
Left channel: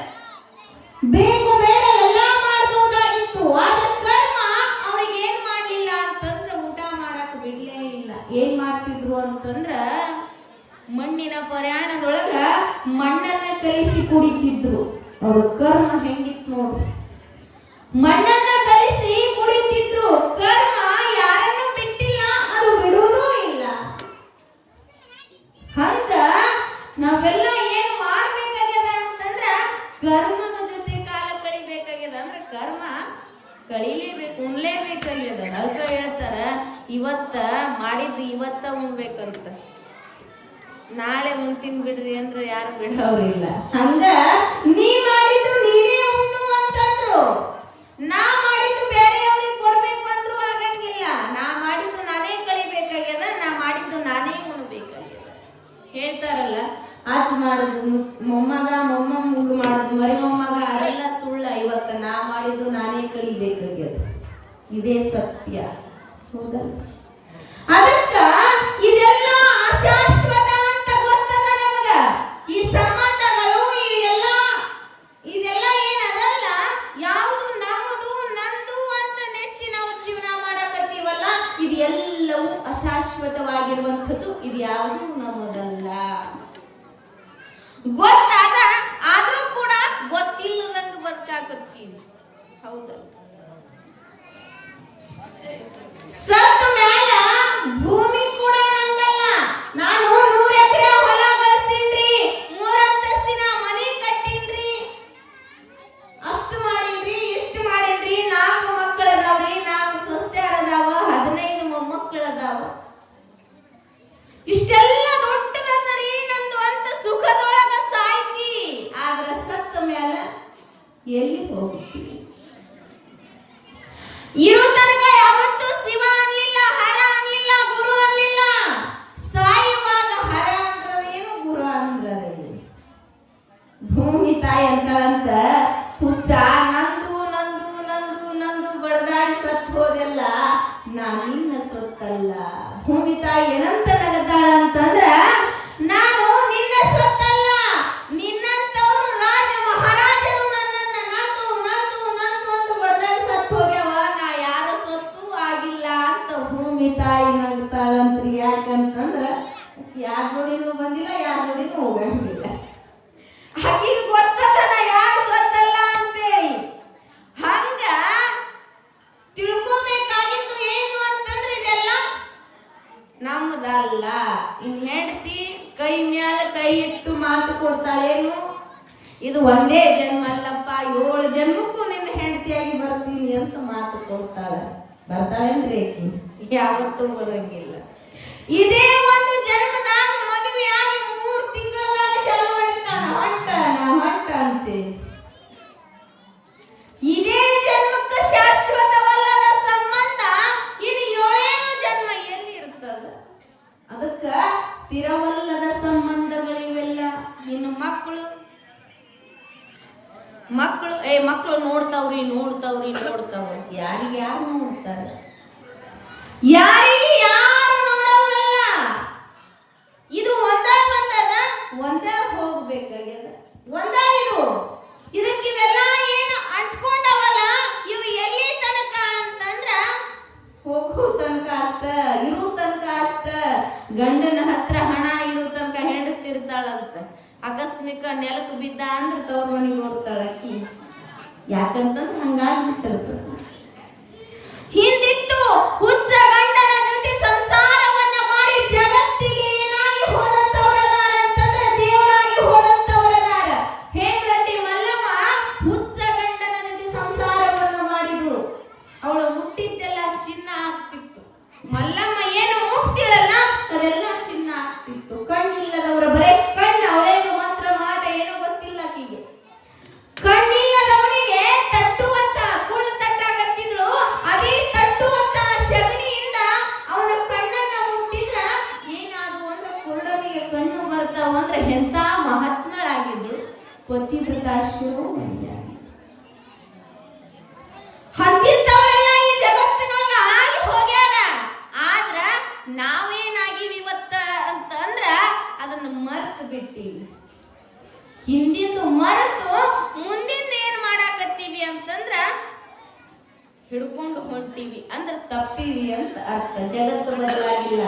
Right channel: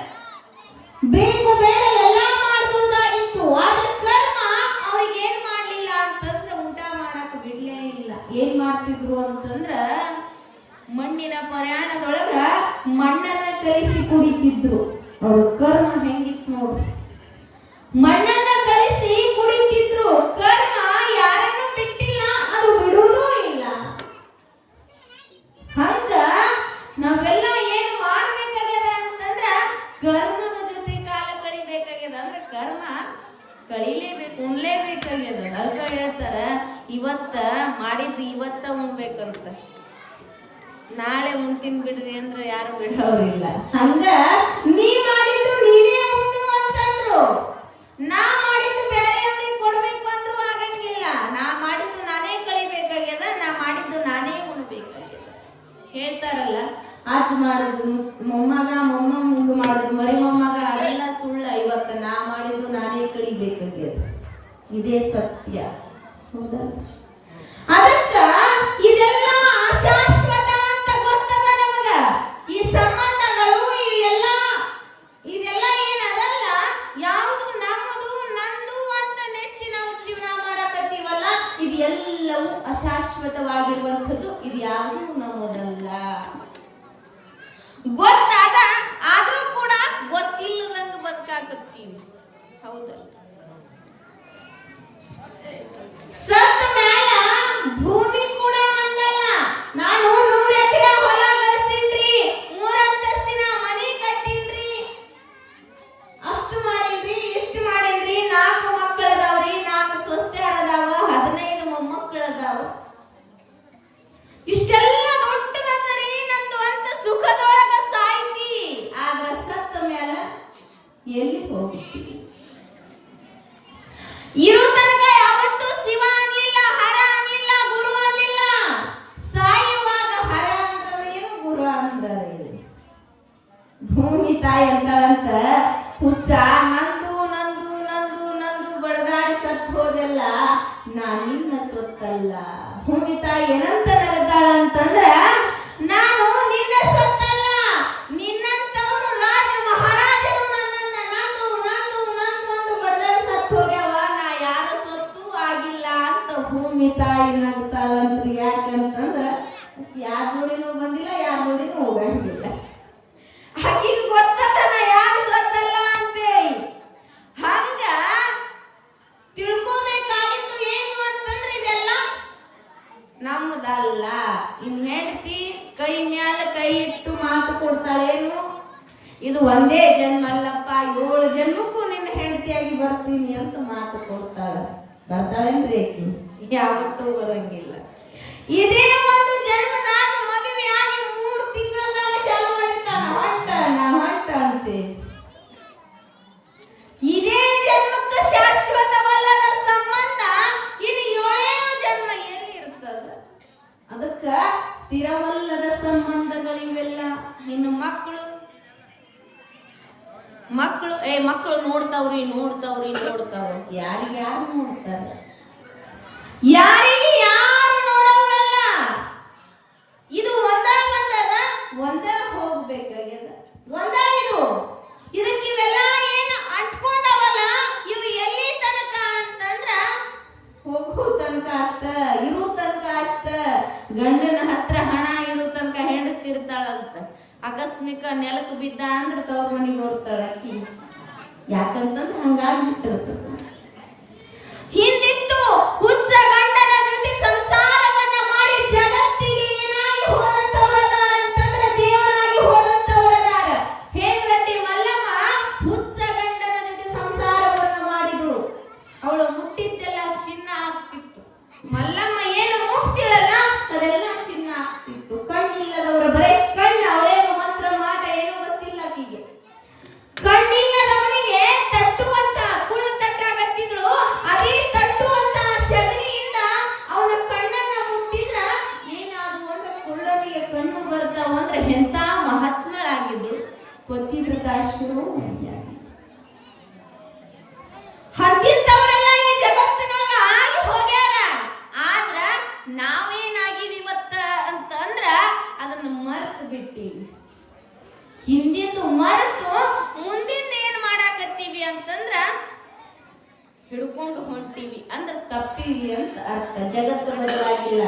ಬೇಕು ಬೇಡ ಎಲ್ಲ ಮಾಡಬಹುದಾಗಿತ್ತು. ಆದ್ರೆ ಕರ್ಮ ಅವ್ರಿಗೆ ಏನ್ ಮಾಡ್ಲಿಲ್ಲ ಅಂತಂದ್ರ ಊಟ ಮಾಡಕ್ ಬಿಡ್ಲೇ ಇಲ್ಲ. ಏನ್ ಮಾಡ್ತಿದ್ರು ಅಂತಂದ್ರ ಮಣ್ಣಿನ ಪ್ರಯಾಣದೊಳಗ ಮಣ್ಣನ್ನ ಕಲಿಸಿ ಕುಡಿತಿದ್ರು. ಅವ್ರ ಕರ್ಮ ಹೆಂಗಿತ್ತು ನೋಡ್ರಿ, ಮಣ್ಣನ್ನ ಕಲಿಸಿ ಕುಡಿತಿದ್ರು. ಕರ್ಮ ಯಾರನ್ನು ಬಿಟ್ಟಿಲ್ಲ, ಅದು ಬಿಡುವುದೂ ಇಲ್ಲ. ಹಂಗ ನಾವೆಲ್ಲ ಏನು ಮಾಡ್ಬೇಕಾಗ್ಯದ ಅಂತಂದ್ರ ಕರ್ಮದ ಜೊತೆ ಕಾಲ ಕಳಿಬೇಕಾಗ್ಯದ. ಅಂದ್ರೆ ಕರ್ಮ ಕಳಿಲೇಬೇಕು, ಉಣ್ಲೇಬೇಕಾಗ್ಯದ. ಅದಕ್ಕ ಹೇಳ್ತಾರ, ಇವತ್ತ ಮಾಡಿದ್ದು ಇವತ್ತ ಉಣ್ಬೇಕಂತ, ನಾಳೆ ಉಣ್ತೀನಿ ಬಿಡ್ರಿ ಅಂದ್ರೆ ಯಾರು ಬಿಡೋರಿಲ್ಲ. ಹಂಗ ನೀ ಮಾಡಿದ್ದು ನೀನೇ ಉಣ್ಣು ಅಂತಂದ್ರು, ನಾ ಮಾಡಿದ್ದು ಬೇರೆಯವ್ರಿಗೆ ಕೊಡ್ಬೇಕು ಅಂದ್ರೂ ಆಗಂಗಿಲ್ಲ. ನಾ ಮಾಡಿದ್ದು ನಾನೇ ಕಳಿಬೇಕಾಗ್ಯದ, ನಾ ಮಾಡಿದ್ದು ನಾನೇ ಉಣ್ಬೇಕಾಗ್ಯದ. ಹೇಳ್ತಾರಲ್ಲ, ಆಚ ಮಾಡುದು ಮೊಮ್ಮಗ, ಮೊಮ್ಮಗ ಮಾಡುದು ಮರಿ ಮೊಮ್ಮಗ, ಅದೆಲ್ಲ ಸುಳ್ಳ. ಇವತ್ತ ನಾ ಮಾಡಿದ್ದು ನಾನೇ ಕಳಿಬೇಕಾಗ್ಯದ. ಇದೇ ಸತ್ಯ. ಹೌದಲ್ಲ? ಅದಕ್ಕ ಇದೆಲ್ಲ ಅಶಾಶ್ವತ ಅಂತ ಗೊತ್ತದ ನಮಗ. ಈ ಸಂಬಂಧಗಳು ಇದೆಲ್ಲ ಏನದಲ್ಲ, ಯಾವುದು ನಮ್ಮದು ನಂದು ಅಂತ ನೆಚ್ಚಿ ನಾವು ಜೀವನ ಮಾಡಕತ್ತೀವಲ್ಲ, ಇದು ಎಲ್ಲವೂ ಅಶಾಶ್ವತವಾಗಿರುವಂಥದ್ದು. ಇದು ಯಾವುದು ನಮ್ಮದಲ್ಲ. ಗೊತ್ತಾದ ಆದ್ರೂ ಕೂಡ ಗೊತ್ತಿಲ್ಲದಂಗ ಬದುಕಾಕತ್ತೀವಿ. ಹೌದಲ್ಲ? ಸತ್ತ ಮ್ಯಾಲ ಭೂಮಿ ಕೂಡ ನಂದಲ್ಲ. ನಾನು 100 ಎಕರೆ ಹೊಲ ಗಳಿಸಿನ್ರಿ, 3 ಅಂತಸ್ತಿನ ಮನಿ ಕಟ್ಟಿನ್ರಿ, ಅಷ್ಟು ಮಾಡೀನ್ರಿ, ಇಷ್ಟು ಮಾಡೀನ್ರಿ, 4 ಮಕ್ಕಳದಾವ್ರಿ, 4 ಸೊಸೆಯರದಾವ, 15 ಮೊಮ್ಮಕ್ಕಳದಾವ. ಇಷ್ಟೆಲ್ಲ ದೊಡ್ಡದನ್ನರಿ ನಂದು ಅಂತ ಸುಖದೊಳಗ ಸಾಯ್ತಿ. ಆದ್ರ ಸತ್ತ ಮ್ಯಾಲ ಎಲ್ಲಿ ಹೋಗ್ತೀವಿ? ಇರೋ ತನಕ ಯಾವತ್ತೂ ಶಿವ ಅನ್ಲಿಲ್ಲ, ಹರ ಅನ್ಲಿಲ್ಲ, ಗುರು ಅನ್ಲಿಲ್ಲ. ಸಾಯುವಾಗ ಹರ ಅಂದ್ರೇನು, ಗುರು ಅಂದ್ರೆ ಭೂಮಿ ತಾಯಿ ಅಂತಾಳಂತ, ಹುಚ್ಚ ನಂದು ನಂದು ನಂದು ನಂದು ಬಡದಾಡಿ ಸತ್ ಹೋದೆಲ್ಲ, ನಾ ನಿನ್ನ ಸೊತ್ತಲ್ಲ. ಭೂಮಿ ತಾಯಿ ಏನಂತ ನಗತಾಳ ಅಂತಂದ್ರ, ನಾನು ನಿನ್ನ ಸೊತ್ತಲ್ಲ, ನಿನ್ನಂತವ್ರು ರಾಜ ಮಹಾರಾಜರು ನನ್ನನ್ನ ನಂದು ನಂದು ನಂದು ಅಂತ ಬಡದಾಡಿ ಸತ್ ಹೋಗ್ಯಾವ, ನಾ ಯಾರ ಸೊತ್ತು ಆಗಿಲ್ಲ ಅಂತ ಭೂಮಿ ತಾಯಿ ನಗತಾಳಂತ್ರಿ. ಯಾಕಂತಂದ್ರ ಯಾರ ಜೋಡಿನೂ ಬಂದಿಲ್ಲ, ಯಾರ ಜೋಡಿನೂ ಹೋಗಂಗಿಲ್ಲ. ಆಕಿಗೆ ಗೊತ್ತದ ನಾ ಯಾರು ಸೊತ್ತಲ್ಲ ಅಂತೇಳಿ. ಹಂಗ ತಿಳ್ಕೋಬೇಕಾಗಿತ್ತು ಏನು ಅಂತಂದ್ರೆ ಇದೆಲ್ಲ ನಮ್ಮದಲ್ಲ. ಇನ್ ಹೆಂಡತಿ ಕೈ ಮ್ಯಾಲ ಕೈ ಇಟ್ಟು ಮಾತು ಕೊಡ್ತಾಳೇನು, ಇದು ಒಂದೇ ಜನ್ಮ ಅಲ್ಲಪ್ಪ, 7 ಜನ್ಮಕ್ಕೂ ನಿನ್ನ ಹೆಂಡತಿಯಾಗಿ ಬರ್ತೀನಿ ಅಂತ ಮಾತು ಕೊಡ್ತಾಳ. ಬರ್ತಾಳೇನ್ರಿ? ಯಾವತ್ತೂ ಬರಂಗಿಲ್ಲ. ಇದೇ ಒಂದು ಜನ್ಮದಾಗ ಮದುವೆಯಾಗಿ 3 ತಿಂಗಳದಾಗ ಚಾಲು ಮಾಡಿರ್ತಾನ, ಹೊಂಟ ಅಂತೆ. ಇದೇ ಜನ್ಮಕ್ಕೆ ಶಾಶ್ವತವಲ್ಲದ ಸಂಬಂಧ ಇನ್ನು 7 ಜನ್ಮ ಎಲ್ಲಿ ಇರ್ತದ? ಅದಕ್ಕ ಸ್ಥಿರವಲ್ಲದ ಸಂಬಂಧಗಳಿವೆಲ್ಲ. ಇನ್ನು ಮಕ್ಕಳು ನೋಡ್ತಾವ್ರಿ ಯಾರಿಗೆ ಯಾರು ನೋಡ್ತಾರೆ? ಯಾರಿಗೆ ಯಾರು ನೋಡೋರಲ್ಲ. ಇದು ಒಂದ ಹೋಗ್ಬೇಕಾಗ್ಯದ, ಇದು ಇದಕ್ಕೆ ಇವೆಲ್ಲ ಏನು ಅಂಟ್ಕೊಂಡವಲ್ಲ, ಇವು ಎಲ್ಲಿ ತನಕ ಅಂತಂದ್ರ ಹೋಗೋ ತನಕ ಅಷ್ಟ, ಇರೋ ತನಕ ಅಷ್ಟ. ಗಂಡನ ಹತ್ರ ಹಣ ಇರೋ ತನಕ ಹೆಂಡತಿರ್ತಾಳಂತ. ಆಕಸ್ಮಿಕ ನೆಲಕ್ಕೆ ಬಿದ್ದ ಅಂದ್ರೆ ತವ್ರ ಮನೆಗೆ ಹೋಗ್ತಾಳ ಅಕ್ಕಿ. ಯಾಕಂತಂದ್ರೆ ಹಂಗಾಗ್ಬಿಟ್ಟಿರ್ತದ. ಹಿಂದಿತ್ತು ಹುಚ್ಚ ಗಂಡನ ಜೊತೆ ಸಂಸಾರವನ್ನ ಮಾಡಿ ಜಗತ್ತಿಗೆ ಏನಾಗಿ ಹೋದಂತವರದಾರ ಅಂತಂದ್ರೆ ದೇವರಾಗಿ ಹೋದಂತವರದಾರ. ಹೇಮರಟ್ಟಿ ಮಲ್ಲಮ್ಮ ಹುಚ್ಚ ಗಂಡನ ಜೊತೆ ಸಂಸಾರವನ್ನ ಮಾಡಿದ್ರು. ಅವಳು ಮುಟ್ಟಿದ್ದೆಲ್ಲ ಚಿನ್ನ ಆಗ್ತಿತ್ತು. ಮಲ್ಲಮ್ಮ ಏನು ಮುಟ್ತಿಳಲ್ಲ ಅದೆಲ್ಲ ಚಿನ್ನ ಆಗ್ತಿತ್ತು. ಕಣ್ಣಿಲ್ಲದವರ ಬರೇ ಕಣ್ಣು, ಅವಳೇನು ಮಂತ್ರ ಮಾಟ ಏನು ಗೊತ್ತಿಲ್ಲ ಆಕಿಗೆ. ಕಣ್ಣಿಲ್ಲದವನಿಗೆ ತಟ್ಟುವಂತ ಕುಳ್ಳು ತಟ್ಟಾಗತ್ತಿದ್ರು. ಅದೇ ತಟ್ಟುವಂತ ಶಗಣಿಯಿಂದ ಅವನ ಕಣ್ಣನ್ನ ಮುಟ್ಟಿದ್ರ ಏನಾದ್ರು ಅಂದ್ರೆ ಕುಳ್ಳನಿಗೆ ಕಣ್ಣು ಬರ್ತಾವ ಅಂದ್ರೆ ಎಂತ ಮಹಾತ್ಮಳಾಗಿದ್ರು. ಕೊತ್ತಿದ್ರದಾಶರು ಹಂತಿದ್ದವರೆಲ್ಲ ಈ ಜಗತ್ತಿನೊಳಗ ಆಗಿ ಹೋಗ್ಯಾರ. ಆದ್ರ ನಾವೇನಾಗಿವಿ ಇವತ್ತ ಅಂತಂದ್ರ ಅದನ್ನ ಮರೆತು ಬಿಟ್ಟಿವಿ. ಹಿಂದಿಂದು ಮರೆತು ಮುಂದಿಂದ ಏನ್ ಮಾಡಾಕತ್ತೀವಿ ಅಂತಂದ್ರ ಹಿಡ್ಕೊಂಡು ಹೊಂಟಿವಿ ಅಂದ್ರೆ ತಪ್ಪಿವಿ ಅಂತ ಅರ್ಥ. ಜಗತ್ತು ಬದಲಾಗಿಲ್ಲ,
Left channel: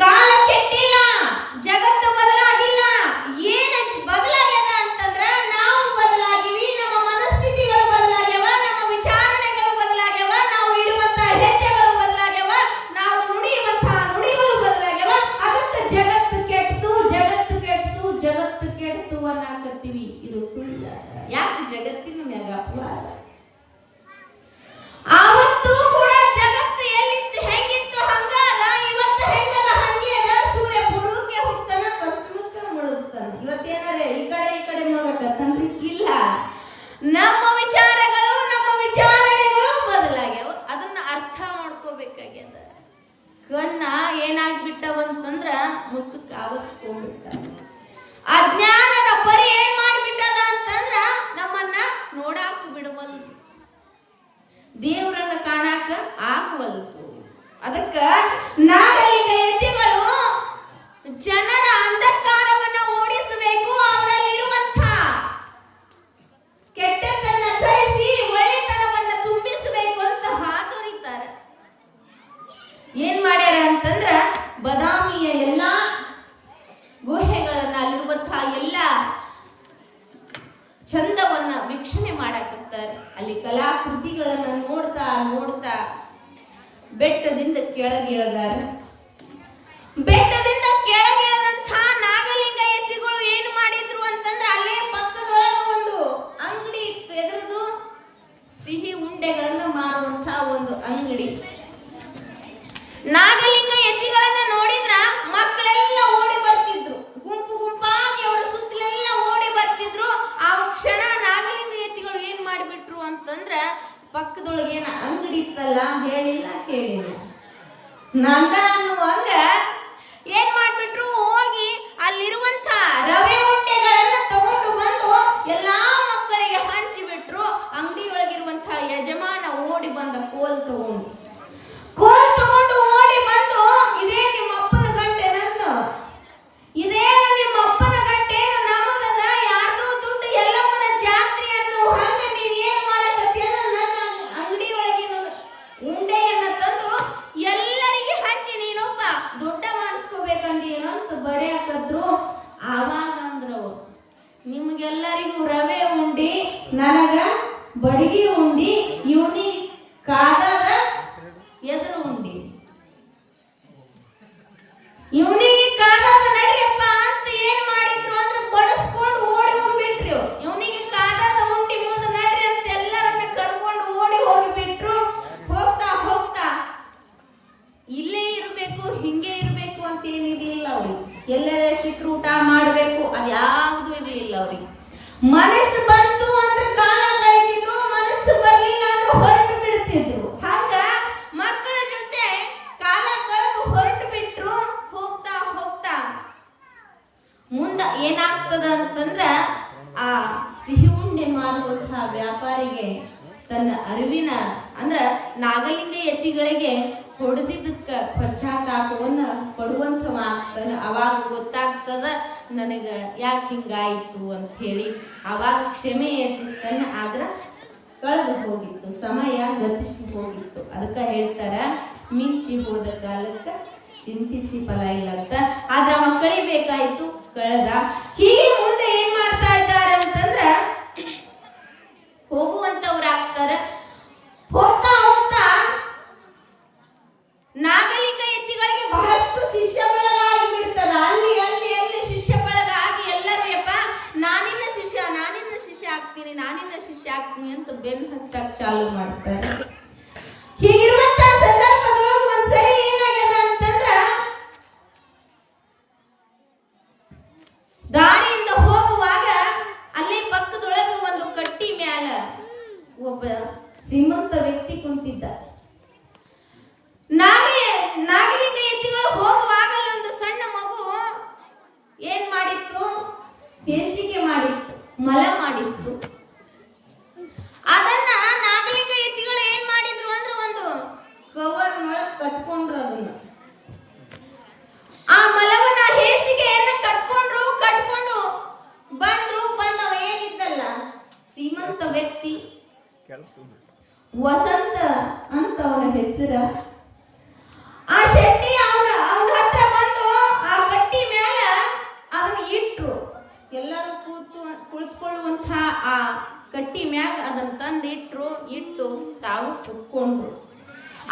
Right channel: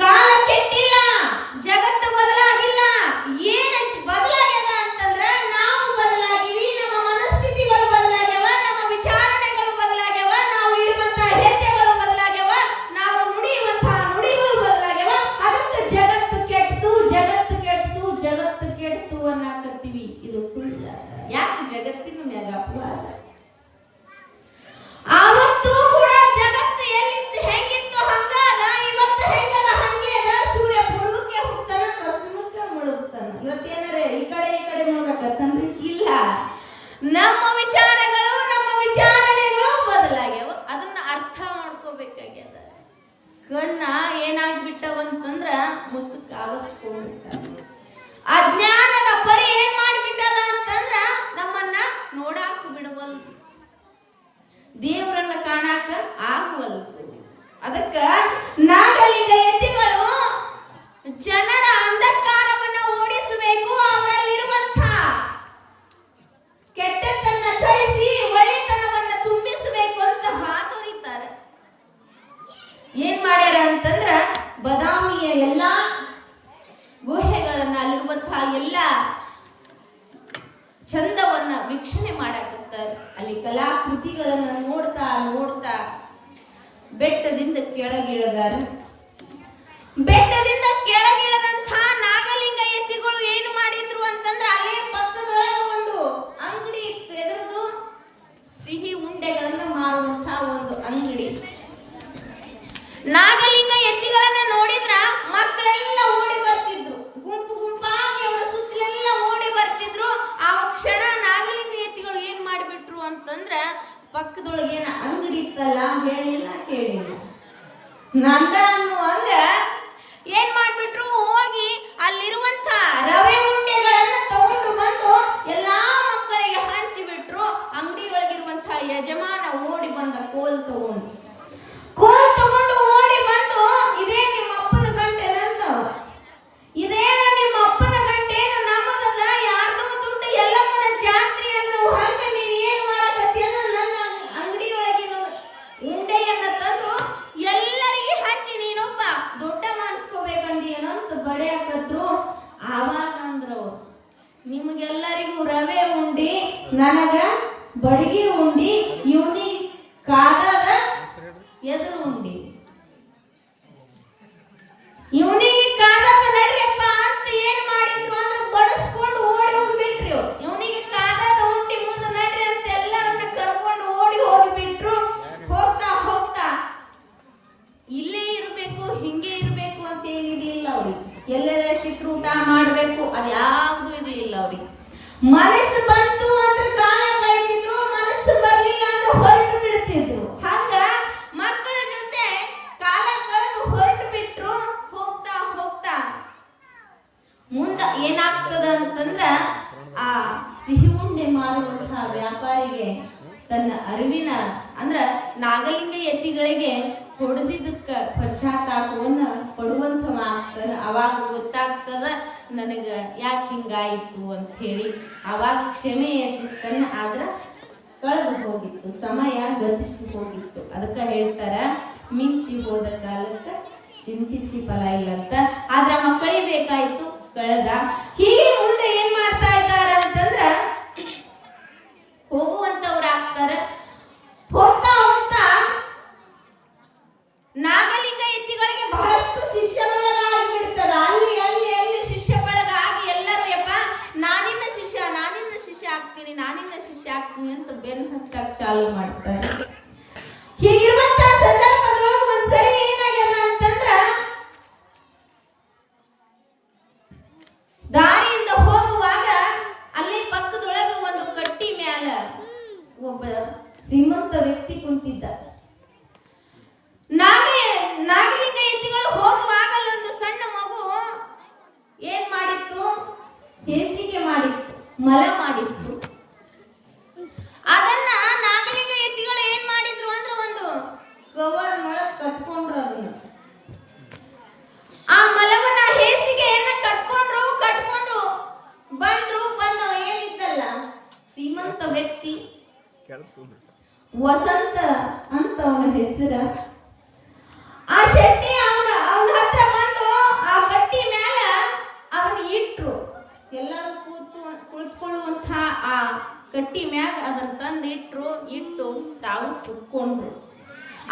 ಕಾಲ ಕೆಟ್ಟಿಲ್ಲ, ಜಗತ್ತು ಬದಲಾಗಿಲ್ಲ. ಏನ ಬದಲಾಗ್ಯದ ಅಂತಂದ್ರ ನಾವು ಬದಲಾಗಿವಿ, ನಮ್ಮ ಮನಸ್ಥಿತಿಗಳು ಬದಲಾಗ್ಯವ, ನಮ್ಮ ವಿಚಾರಣೆಗಳು ಬದಲಾಗ್ಯವ, ನಾವು ಇಡುವಂತ ಹೆಜ್ಜೆಗಳು ಬದಲಾಗ್ಯವ, ನಾವು ನುಡಿಯುವಂತಹ ನುಡಿಗಳು ಬದಲಾಗ್ಯವ. ಅದಕ್ಕೆ ಜಗತ್ತು ಕೆಟ್ಟು ಅನ್ನಕತ್ತೀವಿ. ಇದು ಸುಳ್ಳ. ಯಾಕೆ ಜಗತ್ತಿನ ಮ್ಯಾಗ ಅಪವಾದ? ಆವತ್ತು ಕೂಡ ಜಗತ್ತು ಎಲ್ಲಿತ್ತು ಹೆಂಗಿತ್ತು ಹಂಗಾದ, ಇವತ್ತು ಹೆಂಗದ ಹಂಗೆ ಅದ. ಸೂರ್ಯ ಪೂರ್ವಕ್ಕೆ ಹೋಗ್ತಾನ, ಪಶ್ಚಿಮಕ್ಕೆ ಮುಳುಗ್ತಾನ. ಇವತ್ತೇನಾರೆ ಈ ಕಡೆ ನೋಡಕತ್ತನ್ರಿ? ಇಲ್ಲ. ನಮ್ಮ ವಿಚಾರಗಳು, ನಮ್ಮ ವಿಚಾರಣೆಗಳು ಬದಲಾಗ್ಯಾವ. ಅದನ್ನ ಅರ್ಥ ಮಾಡ್ಕೋಬೇಕಾಗ್ಯದ. ಕಣ್ಣ ಏನಾಗ್ಬಿಟ್ಟವಂತಂದ್ರ ಮುಸುಕ್ ಆವಸ್ಕೊಂಡ್ಬಿಟ್ಟ. ಅಜ್ಞಾನದ ಪರಿ ಏನ್ ಮಾಡ್ಬಿಟ್ಟದ ಅಂತಂದ್ರ ನಮ್ಮನ್ನ ನೋಡಾಕ ಬಿಡವಲ್ದು, ದೇವರನ್ನ ಕಾಣಾಕ ಆಗವಲ್ದು. ಅದಕ್ಕ ನಾಗಲಿಂಗ ಯತಿಗಳು ಜನರ ಅಂಧಕಾರವನ್ನ ಓಡಿಸಬೇಕು, ಅವರಲ್ಲಿರುವಂತ ಕೆಟ್ಟತನ ಕಳಿಸಿ ಒಳ್ಳೆತನವನ್ನ ತುಂಬಿಸಬೇಕು ಅಂತ ಹಾತೊರಿತಾರೆ. ಏನ್ ಮಾಡ್ಯಾರ ಅಂತಂದ್ರ ಬದಾಮಿಯ ಎಲ್ಲಾ ಗುಹೆಗಳನ್ನ, ಅಲ್ಲಿರುವಂತಹ ಎಲ್ಲ ಚಂದವನ್ನ ವೀಕ್ಷಣೆ ಮಾಡಾಕತ್ತಾರೆ. ಅಲ್ಲಿ ಕಲಾಕೃತಿಗಳನ್ನ ನೋಡ್ತಾ ಬೆಟ್ಟದಿಂದ ಕೆಳಗಿಳಿದಾರ. ಬೆಟ್ಟದಿಂದ ಕೆಳಗಿಳದಂಥ ನಾಗಲಿಂಗ ಯತಿಗಳು ಏನು ಮಾಡಿದ್ರು ಅಂತಂದ್ರೆ ಅಲ್ಲೇ ಪಕ್ಕದೊಳಗೆ ಒಂದು ಅಂಗಡಿ ಇತ್ತು. ಎದುರದು ಸಿಹಿ ಉಂಡೆಗಳನ್ನ ಮಾರುವಂತಹ ಒಂದು ಅಂಗಡಿ. ನಾಗಲಿಂಗ ಯತಿಗಳನ್ನ ನೋಡಿದ್ರ ಮಕ್ಕಳೆಲ್ಲ ಓಡಿ ಬರ್ತಿದ್ರು, ಗುಂಪಾಗಿ ಅವರ ಸುತ್ತಲೆಲ್ಲ ಓಡಿ ಬರ್ತಿದ್ರು. ಆ ಕ್ಷಣ ನಾಗಲಿಂಗ ಯತಿಗಳು ಏನ್ ಮಾಡಿಬಿಟ್ರು ಅಂತಂದ್ರ ಪಕ್ಕದೊಳಗೆ ಏನ ಅಂಗಡಿ ಇತ್ತಲ್ಲ, ಹೇಳಿಲ್ಲ ಕೇಳಿಲ್ಲ, ನಂದ ಅನ್ನುವಂಗ ಏನ್ ಮಾಡ್ಬಿಟ್ರು, ಹೋಗಿ ಅಲ್ಲಿರುವಂತ ರವೆ ಉಂಡೆಗಳನ್ನ ತಗೊಂಡು ಬಂದು ಎಲ್ಲಾ ಮಕ್ಕಳಿಗೆ ಹಂಚಿಬಿಟ್ರು. ಅಂಗಡಿಯೊಳಗಿರುವಂತಹ ಯಜಮಾನ ಓಡಿ ಬಂದ ಕೋಲ್ ತಗೊಂಡು ಓಡಿ ಬಂದು, ಇದೇ ನಿಮ್ಮ ಅಪ್ಪನ ಗಂಟೆ ನಂದು, ಇದೇನು ನಿಮ್ಮ ಅಪ್ಪನ ಗಂಟೆನು ನಮ್ಮದದ, ಯಾರ್ದೋ ದುಡ್ಡು ಎಲ್ಲಮ್ಮನ ಜಾತ್ರೆ ಅನ್ನೋ ಹಂಗ ನೀನ್ ಏನ್ ಮಾಡಕತ್ತಿ ಅಂದ್ರೆ ನನ್ನ ಅಂಗಡಿಯೊಳಗಿನ ಉಂಡೆಯನ್ನ ತಂದು ಎಲ್ಲರಿಗೆ ಹಂಚಿ ನೀನೊಬ್ಬ ದೊಡ್ಡ ಮಾಡಿಸ್ಕೋಬೇಕಂದೇನು ಅಂತ ಬರೆಯಕತ್ರು. ಆವಾಗ ಅಂದ್ರು, ನಿಮ್ಗೆಲ್ಲರಿಗೂ ರವೆ ಉಂಡಿ, ನನಗ ಬಡಗಿ ಉಂಡಿ, ಇವನಿ ಕಾಗದ ಎದುರು ಉಂಡಿ, ಇವನಿಗೆ ಕಾಗದ ಎಲ್ಲೆಲ್ಲ ಸಿಕ್ಕರು ಊಟ ಮಾಡಬೇಕು, ಅದು ಯಾವುದು ಇರಲಿಲ್ಲ ಅವ್ರಿಗೆ. ಮನಸ್ಸು ಬಂತು ಅಂದ್ರೆ ಕಾಲ ಕಳಿತಿದ್ರು, ಮನಸ್ಸು ಬರ್ಲಿಲ್ಲ ಅಂದ್ರೆ ಹೊರಟು ಬಿಡ್ತಿದ್ರು. ಹಂಗ ಮಕ್ಕಳ ಜೊತೆ ಕಾಲ ಕಳೆದು ಹೊರಟು ಬಿಟ್ರು. ಹೋಗ್ತಾ ಹೋಗ್ತಾ ಮುಂದ ಏನಾಗ್ತದ ಅಂತಂದ್ರ ಆ ಸಿಹಿ ಉಂಡೆ ಮಾರುವಂತಹ ವ್ಯಾಪಾರಿಗೆ ತನ್ನ ಅರಿವಿನ ಅಂದ್ರ ನಾಗಲಿಂಗ ಎತ್ತಿಗಳಿಗೆ ಹೊಡೆದಿದ್ದಕ್ಕ ಪಶ್ಚಾತ್ತಾಪವನ್ನ ಪಡುವಂಥವ ಆಗ್ತಾನ. ಅವಾಗ ಗೊತ್ತಾಗ್ತದ ನನಗ ಯಾಕೆ ಹಿಂಗಾಯಿತು ಅಂತ ಹೇಳಿ. ಅವಾಗ ಕ್ಷಮೆ ಯಾಚಿಸ್ತಾನ. ಆದ್ರ ಕಳೆದು ಹೋಗಿತ್ತು, ಸಮಯ ಗತಿಸಿ ಹೋಗಿತ್ತು. ಅದಕ್ಕ ಹೇಳ್ತಾರ, ಮಿಂಚಿ ಹೋದ ಕಾಲಕ್ಕ ಚಿಂತಿಸಿ ಫಲ ಇಲ್ಲ ಅಂತ. ಆದ್ರ ಮಕ್ಕಳಿಗೆ ಬೇಕಾಯ್ತು, ಕಳೆದ. ಹೀಗೆ ಮುಂದೆ ಏನ್ ಮಾಡ್ತಾ ಇದ್ದಾರೆ ಅಂತಂದ್ರ ಹೋಗುವಂತವ್ರಾಗ್ತಾರ. ಹೋಗ್ತಾ ಹೋಗ್ತಾ ನಾಗಲಿಂಗ ಎತ್ತಿಗಳಿಗೆ ಬಹಳಷ್ಟು ಶಿಷ್ಯ ಬಳಗ ಆಗಿಬಿಡ್ತದ. ಅಲ್ಲಿ ಅಲ್ಲಿ ಅಲ್ಲಿ ಶಿಷ್ಯ ಬಳಗ ಆಗಿ ಎಲ್ಲರೂ ಯಪ್ಪ ನಾನಿನ್ನ ಶಿಷ್ಯ ಆಗ್ತೀನಿ, ನಾನಿನ್ನ ಶಿಷ್ಯ ಆಗ್ತೀನಿ ಅಂತ ಬೆನ್ನು ಹತ್ತಕ್ ಚಾಲು ಮಾಡ್ತಾರೆ. ಹೀಗಿರುವಂತ ಸಂದರ್ಭದೊಳಗೆ ಒಂದ್ಸರಿ ಏನಾಗ್ಯದ ಅಂತಂದ್ರ ದಾರಿಯಿಂದ ಹೋಗುವಾಗ ಅಲ್ಲಿ ಪಕ್ಕದೊಳಗೆ ಒಂದು ಕಟ್ಟಿ ಮ್ಯಾಲ ಒಬ್ಬ ಶ್ರೀಮಂತ ವ್ಯಕ್ತಿ ಕುಂತಿದ್ದ. ನಾಗಲಿಂಗ ಎತ್ತಿಗಳು ಹೋಗುವಾಗಲ್ಲ ಒಂದು ಸಣ್ಣ ಮಗು ಏನ್ ಮಾಡಿತ್ತು, ಹೇಸಿಗೆ ಮಾಡಿತ್ತು, ಮಲ ಮಾಡಿತ್ತು. ಅದನ್ನ ನಾಗಲಿಂಗ ಎತ್ತಿಗಳು ಏನ್ ಮಾಡಿದ್ರು ಅಂದ್ರೆ ಒಂದು ಕವರ್ ಒಳಗೆ ಕಟ್ಕೊಂಡ್ರು. ಅದನ್ನ ಆ ಮಲವನ್ನ ಹೇಸಿಗೆಯನ್ನ ಕಟ್ಕೊಂಡು ಬಂದವ ಏನಿದ್ದಲ್ಲ ಶ್ರೀಮಂತ ವ್ಯಕ್ತಿ ವಸಂತ ಅಂತ ಅವನ ಹೆಸರು. ಆ ಶೆಟ್ಟಿ ಅವನ ಹತ್ರ ಬಂದು ಆ ಕಟ್ಟಿ ಮೇಲೆ ಅದನ್ನ ಇಟ್ರು. ಎಲ್ಲರೂ ಕುಳಿತುಕೊಳ್ಳುವಂತಹ ಆ ಕಟ್ಟಿ ಮ್ಯಾಗ ಅದನ್ನ ತಂದು ಇಟ್ಟು ತಾವು ಕುತ್ಕೊಂಡ್ರು.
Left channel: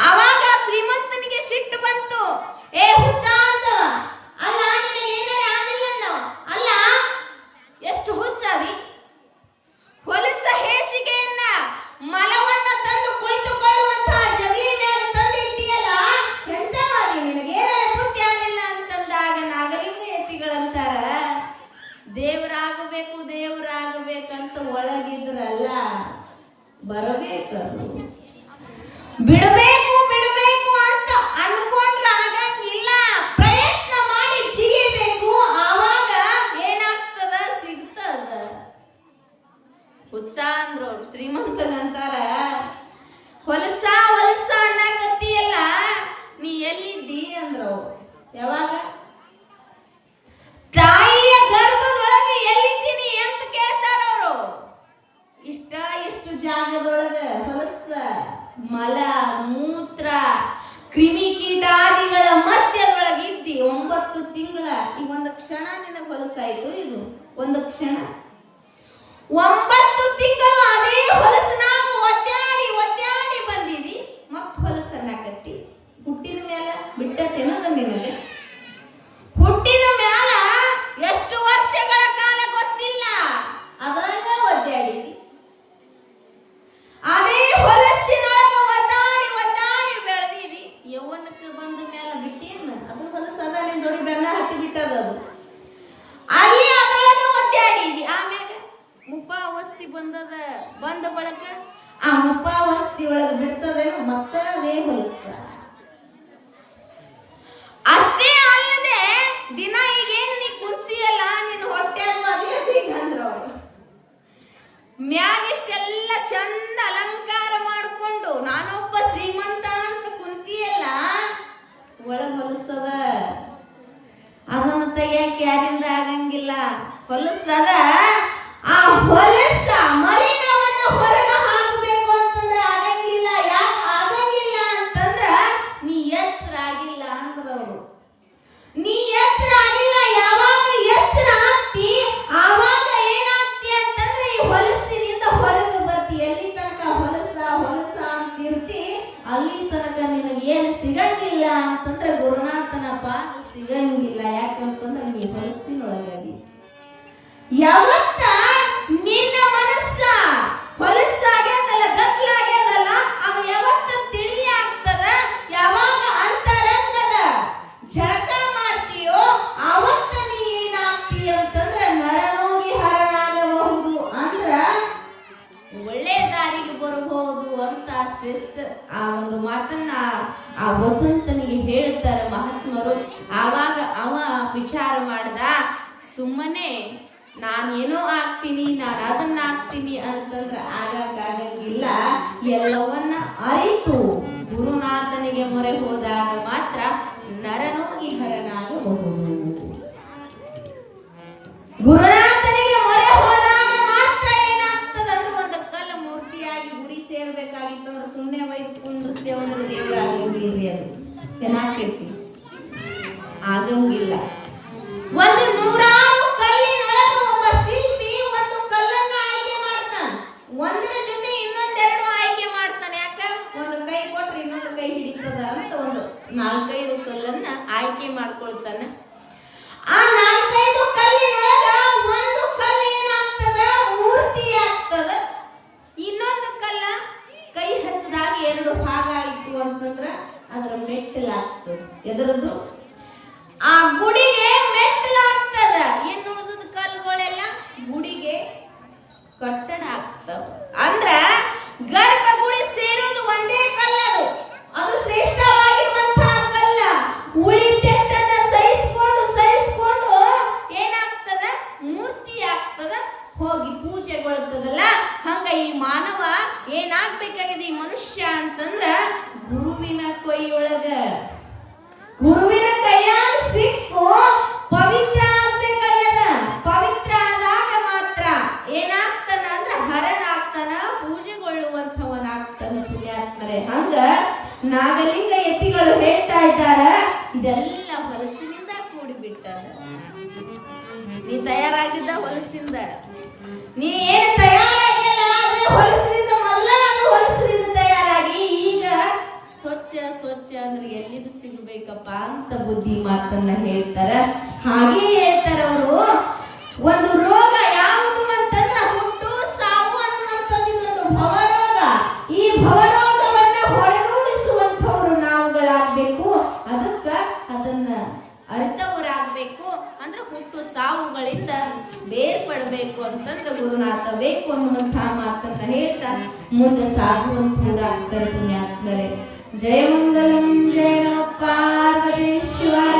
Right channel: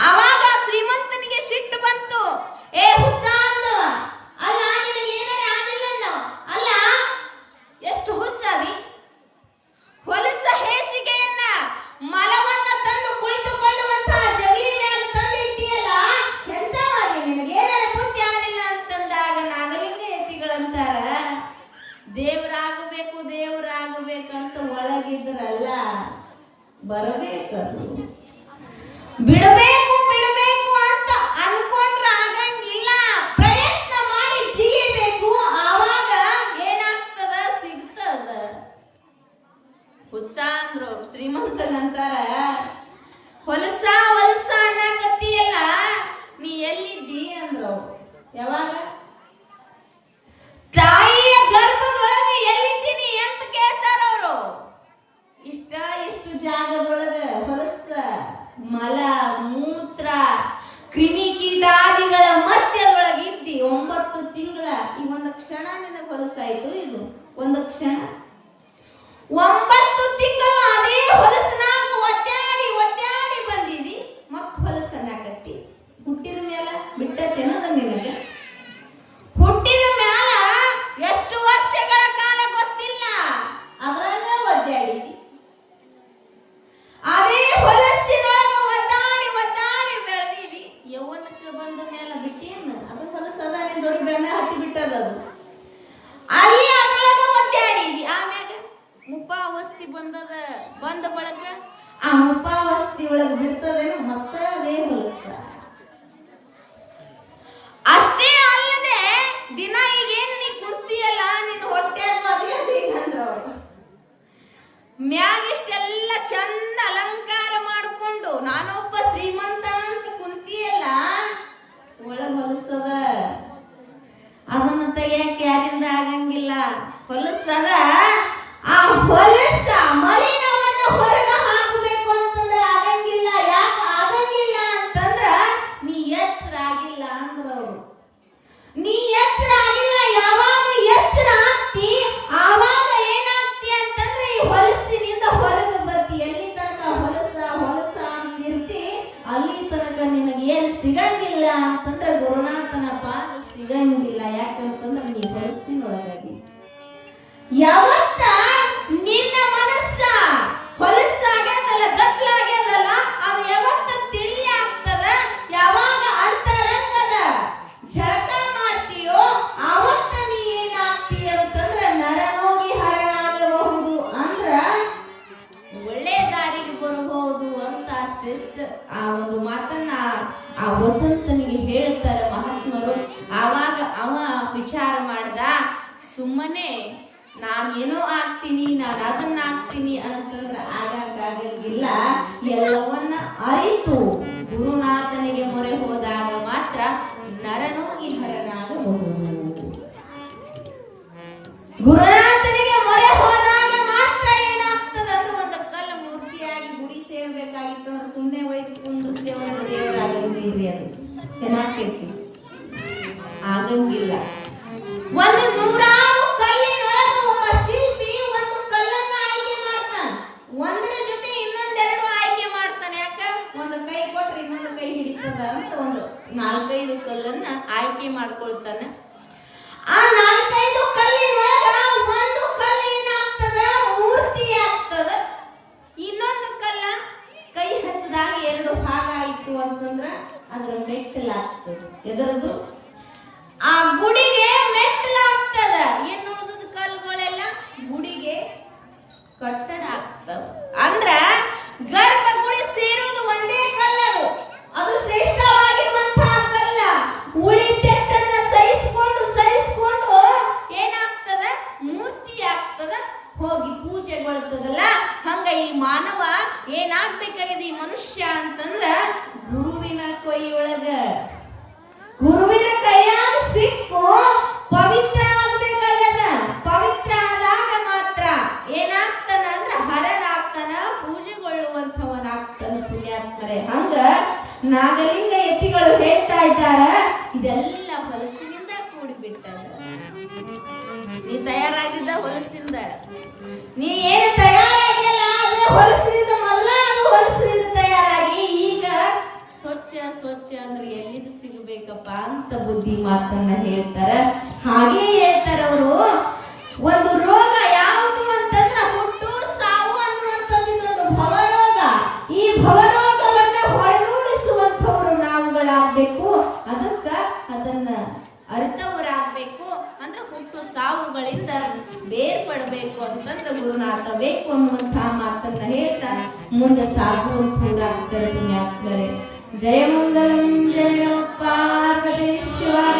ಆವಾಗ ಶ್ರೀಮಂತನಿಗೆ ಸಿಟ್ಟು ಬಂತು. ಏ ಹುಚ್ಚ ಅಂತ, ಅಲ್ಲ ನಿನಗೆ ಏನಾರ ಆಗಿಲ್ಲ, ಅಲ್ಲ ಎಷ್ಟು ಹುಚ್ಚಾದಿ, ಹೊಲಸ ಹೇಸಿಗೆಯನ್ನ ಮಲವನ್ನ ತಂದು ಕುಳಿತುಕೊಳ್ಳುವಂತಹ ಜಗಲಿ ಮೇಲೆ ತಂದು ಇಟ್ಟಿಯಲ್ಲ, ಎಂತವಾದಿ, ನಿನಗೆ ಏನಾರ ಬುದ್ಧಿ ಆಗಿಲ್ಲ ಅಂತಂದಾಗ ನಾಗಲಿಂಗ ಎತ್ತಿಗಳಂತಾರ, ದೇವರಾಗಬೇಕಂತ ಒಳಗಿದ್ರಲ್ಲ, ಬರಬೇಕದು, ಬಿಡಬೇಕು ಅಂತ ಅನ್ಕೊಂಡ್ರ ಆಗಂಗಿಲ್ಲ, ಪ್ರಯತ್ನ ಮಾಡಿ ಜಿಗಿಬೇಕು. ಆವಾಗ ಏನಾಗ್ತದ, ಸಿಗ್ತದ. ಹುಚ್ಚ ಅಂದ್ರು ಅವ್ರು. ಶ್ರೀಮಂತನಂತಾರ, ಹೊಲಸ ಅನ್ನಕತ್ತಿಯಲ್ಲ, ನೀ ಎಲ್ಲಿದ್ದಿ ಅಂದ್ರು ಅವ್ರು. ಯಾವಾಗ ತಾಯಿಯ ಗರ್ಭದೊಳಗೆ ಎಲ್ಲಿದ್ದೀನಿ ಅಂತ ಕೇಳ್ತಾರ ಅವರು. ಎಷ್ಟು ಜಾಗದೊಳಗ ಹೊಲಸ, ಮಲ, ಮೂತ್ರ, ಕ್ರಿಮಿ ಕೀಟಾದಿಗಳ ಮಧ್ಯದೊಳಗಿದ್ದಿ 9 ತಿಂಗಳ. ಈ ಒಂದು ಕ್ಷಣ ನಿನಗೆ ಹೊಲಸಾಯ್ತು. ಇದು ಒಂದು ಕ್ಷಣ. 9 ತಿಂಗಳು ಅದೇ ಹೊಲಸನಾಗ ಒದ್ದಾಡಿ ಬಂದಿದಿ. ಮತ್ ಹೊಲಸನ್ನ ಕಟ್ಟಿ ಹುಟ್ಟಿದ ಮೇಲೆ ಬಿಟ್ಟತೇನದ ನಿನಗೆ. ಹುಟ್ಟಿದ ಮ್ಯಾಲ ಎಷ್ಟು ವರ್ಷಗಳ ಕಾಲ ಗೊತ್ತಿಲ್ಲ, ಅದ್ರಾಗ ಒದ್ದಾಡಿದಿ. ಅದೇ ಹೊಲಸಿನೊಳಗ ಒದ್ದಾಡಿ ಬೆಳೆದಿದಿ. ಯೌವನಕ್ಕೆ ಬಂದ ಮೇಲೆ ಬಿಟ್ಟೇನ, ಅದು ಹೊಲಸದ ದೊಡ್ಡ ಬೆಲ್ಲ ಹತ್ತಿ ಬಿಟ್ಟದ. ಅದು ಅಲ್ಲಿ ಅದ್ರೊಳಗ ಒದ್ದಾಡಿದಿ. ಆಮ್ಯಾಗ ಮುಪ್ಪಾವಸ್ತಿ ಬಂದ ಬಳಕ ಆ ಮುಪ್ಪಾವಸ್ತಿ ಒಳಗ ಬಿಡ್ತದೇನು, ಮತ್ತೆ ಅದೇ ಹೊಲಸ. ಅಷ್ಟೇ ಅಲ್ಲದೆ ದಿನ ಈಗೇನು ನೀ ಕುಂತಿಯಲ್ಲ, ನಿನ್ನ ಹೊಟ್ಟೆ ಅಂದ್ರ ಅವರು ಮ್ಯಾಗಿಷ್ಟೆಲ್ಲ ಚಂದ ಅಲಂಕಾರ ಮಾಡಿಕೊಂಡು ನಾನೊಬ್ಬ ಶ್ರೀಮಂತ ಅಂತ ಕುಂತಿಯಲ್ಲ, ಒಳಗ ಹೊಲಸದ. ಅದನ್ನ ತೆಗಿಯಕ್ಕೆ ಯಾರಿಂದ ಆಗಂಗಿಲ್ಲ, ಹೊಲಸದ. ಆ ಹೊಲಸ ಮಲಿನವನ್ನ ಹೊರಗೆ ಹಾಕಬೇಕು ಅಂತಂದ್ರೆ ಆಗಂಗಿಲ್ಲ. ಯಾಕೆ ಆಗಂಗಿಲ್ಲ ಅಂತಂದ್ರ ನೀ ಎಚ್ಚರಾಗಿಲ್ಲ ಅಂದ್ರವ್ರು. ನೀ ಎಚ್ಚರಾಗಿಲ್ಲ. ಯಾವಾಗ ಎಚ್ಚರ ಆಗ್ತಿ ಆವಾಗ ಏನಾಗ್ತಿ ಅಂತಂದ್ರೆ ಈ ಹೊಲಸಿನಿಂದ ಹೊರಗೆ ಬರ್ತಿ. ಎಲ್ಲಿ ತನಕ ಹೊಲಸ ಅಂತಿರ್ತಿ ಅಲ್ಲಿ ತನಕ ನಿನಗೆ ಏನು ಸಿಗಂಗಿಲ್ಲ ಅಂತಂದ್ರೆ ಗುರುನಾಥನ ಪಾದ ಸಿಗಂಗಿಲ್ಲ. ಯಾಕಂತಂದ್ರೆ ನೀ ಹೊಲಸಿನೊಳಗಾಗಿ ಯಾವತ್ತ ನಿನ್ನ ಮನಸ್ಸ ವಿಚಾರ ಮಾಡ್ದ. ಸುಮ್ಮನೆ ನಾನೇನೋ ಆಗ್ತೀನಿ, ನಾನು ಅದನ್ನ ಆಗ್ತೀನಿ ಅಂತಂದ್ರೆ ಆಗಕ್ಕಾಗಂಗಿಲ್ಲ. ಎಲ್ಲವನ್ನ ಅರಿತು ಗುರುನಾಥನಿಗೆ ಮೊರೆ ಹೋದಾಗ ಮಾತ್ರ ನರನೋಗಿ ಹರನಾಗಬಹುದು. ಗುರುನಾಥನಿಗೆ ಮೊರೆ ಹೋದಾಗ ಮಾತ್ರ ಏನಾಗ್ತದಂದ್ರೆ ಒಂದು ಕಲ್ಲ ಮೂರ್ತಿಯಾಗಿ ಗುಡಿ ಸೇರ್ಬೇಕಾಗಿತ್ತು ಅವ್ರು ಸುಮ್ಮನೆ ಒಯ್ದು ಕುಂಡ್ರಿಸ್ತೇವೆ ಒಂದು ದೇವರಾಗಂಗಿಲ್ರಿ. ಅದು ಚೆನ್ನಾಗಿರ್ತೀವಿ ಆಗಂಗಿಲ್ಲ. ಒಂದು 100 ಕಲ್ಲಿನೊಳಗೆ ಒಬ್ಬ ಶಿಲ್ಪಿ ಒಂದು ಕಲ್ಲನ್ನ ಆಯ್ಕೆ ಮಾಡ್ತಾನೆ. ಒಂದರ ಜೊತೆ ಇನ್ನೊಂದೆರಡು ಆಯ್ಕೆ ಮಾಡ್ತಾನೆ. ಯಾಕ ಒಂದು ಕೈ ಕೊಟ್ರೆ ಇನ್ನೊಂದು ಕೈ ಹಿಡಿತದ ಅಂತ ಒಂದು 4-5 ಕಲ್ಲನ್ನ ಆಯ್ಕೆ ಮಾಡ್ಕೊಳ್ತಾನೆ. ಆ 4-5 ಕಲ್ಲಿನೊಳಗ ಒಂದು ಕಲ್ಲು ಏನಾಗ್ತದ ಮೂರ್ತಿ ಆಗ್ತದ. ಇನ್ನೊಂದು ಕಲ್ಲ ಕೈ ಹಚ್ಚದಾಗ 2 ಭಾಗ ಆಯ್ತು ಅಂತಂದ್ರ ಅದರ ಮೆಟ್ಟಲಾಗ್ತದೆ. ಎದರದು ಆ ಗುಡಿಗೆ ಮೆಟ್ಟಲಾಗ್ತದ. ಇನ್ನು ಉಳಿದ ಕಲ್ಲುಗಳೆಲ್ಲ ಗುಡಿಗೆ ಕಟ್ಟಡ ಆಗ್ತವ. ಅಂದ್ರ ಗರ್ಭಗುಡಿ ಸೇರೋದು ಒಂದೇ ಕಲ್ಲದು. ಅದು ಶ್ರೇಷ್ಠವಾಗಿರುವಂತಹ ಕಲ್ಲ. ಉಳಿದೆಟ್ಟನ್ನ ಸಹಿಸಿಕೊಂಡು ಏನಾಗ್ತದ ಮೂರ್ತಿ ಆಗ್ತದ, ಹೋಗಿ ಪೂಜೆಗೊಳ್ತದಲ್ಲ. ಹಂಗ ಈ ಮಾನವ ಏನಾಗ್ಬೇಕಾಗಿದೆ ಈ ಮನುಷ್ಯ ಅಂತಂದ್ರ ಗುರುವಿನ ಕೈಯೊಳಗ, ಗುರುವಿನ ಕೈಯಾಗ ಸಿಕ್ಕು ಪವಿತ್ರ ಆಗ್ಬೇಕಲ್ಲದ. ಪವಿತ್ರ ಆದಾಗ ಮಾತ್ರ ಏನಾಗ್ತಾನ ಅಂದ್ರ ಹರನಾಗ್ತಾನ, ಪೂಜೆಗೊಳ್ಳುವಂಥವನಾಗ್ತಾನ ಪುಣ್ಯಾತ್ಮರೇ. ಹಂಗ ನಾಗಲಿಂಗ ಯತಿಗಳು ಹೇಳ್ತಾ ಇದ್ದಾರ, ಇದೆಲ್ಲ ಹೊಲಸಿನಿಂದ ಕೂಡಿಬಿಟ್ಟದ. ನೀ ತಯಾರಾಗಿದ್ದ ಹೊಲಸಿಂದ, ನೀ ಏನು ತಯಾರಾಗಿಲ್ಲ ಆದ್ರೆ ಹೊಲಸಿನಿಂದ ಮೊದಲ ಹೊಲಸಿನಿಂದ ತಯಾರಾಗಿ ಈಗ ಸ್ವಚ್ಛ ಅಂದ್ರೆ ಎಲ್ಲಿದು ಸಿಗಬೇಕಪ್ಪ ಅಂತ ಬುದ್ಧಿ ಮಾತನ್ನ ಹೇಳ್ತಾರ. ಹಾಗೆ ಹೇಳ್ತಾರ ಅವರು, ಒಂದು ರೋಗ ಯಾವುದು ಅಂತಂದ್ರ ಹುಟ್ಟು ಸಾವು ಅನ್ನುವಂಥದ್ದು ಭವರೋಗ. ಈ ಭವರೋಗವನ್ನ ಹೊರನೂಡಿಸುವಂಥವ್ರು ನಾವುಗಳಾಗಬೇಕು. ಅದಕ್ಕ ಅದನ್ನ ಅರ್ಥವರಾಗಬೇಕು. ಅಂದ್ರೆ ಹುಟ್ಟು ಸಾವುಗಳಿಂದ ಬೇರ್ಪಡಬೇಕು ಅಂತಂದ್ರೆ ಗುರುನಾಥ ಬೇಕು ಅನ್ನುವಂತಹ ಮಾತನ್ನ ಹೇಳ್ತಾ ಮುಂದೆ ಸಾಗುವಂತವರಾಗ್ತಾರೆ ಪುಣ್ಯಾತ್ಮರೇ. ಜಯ ಮಂಗಲಂ ಜಯ ನಮಃ ಪಾರ್ವತೇಶ್ವರ.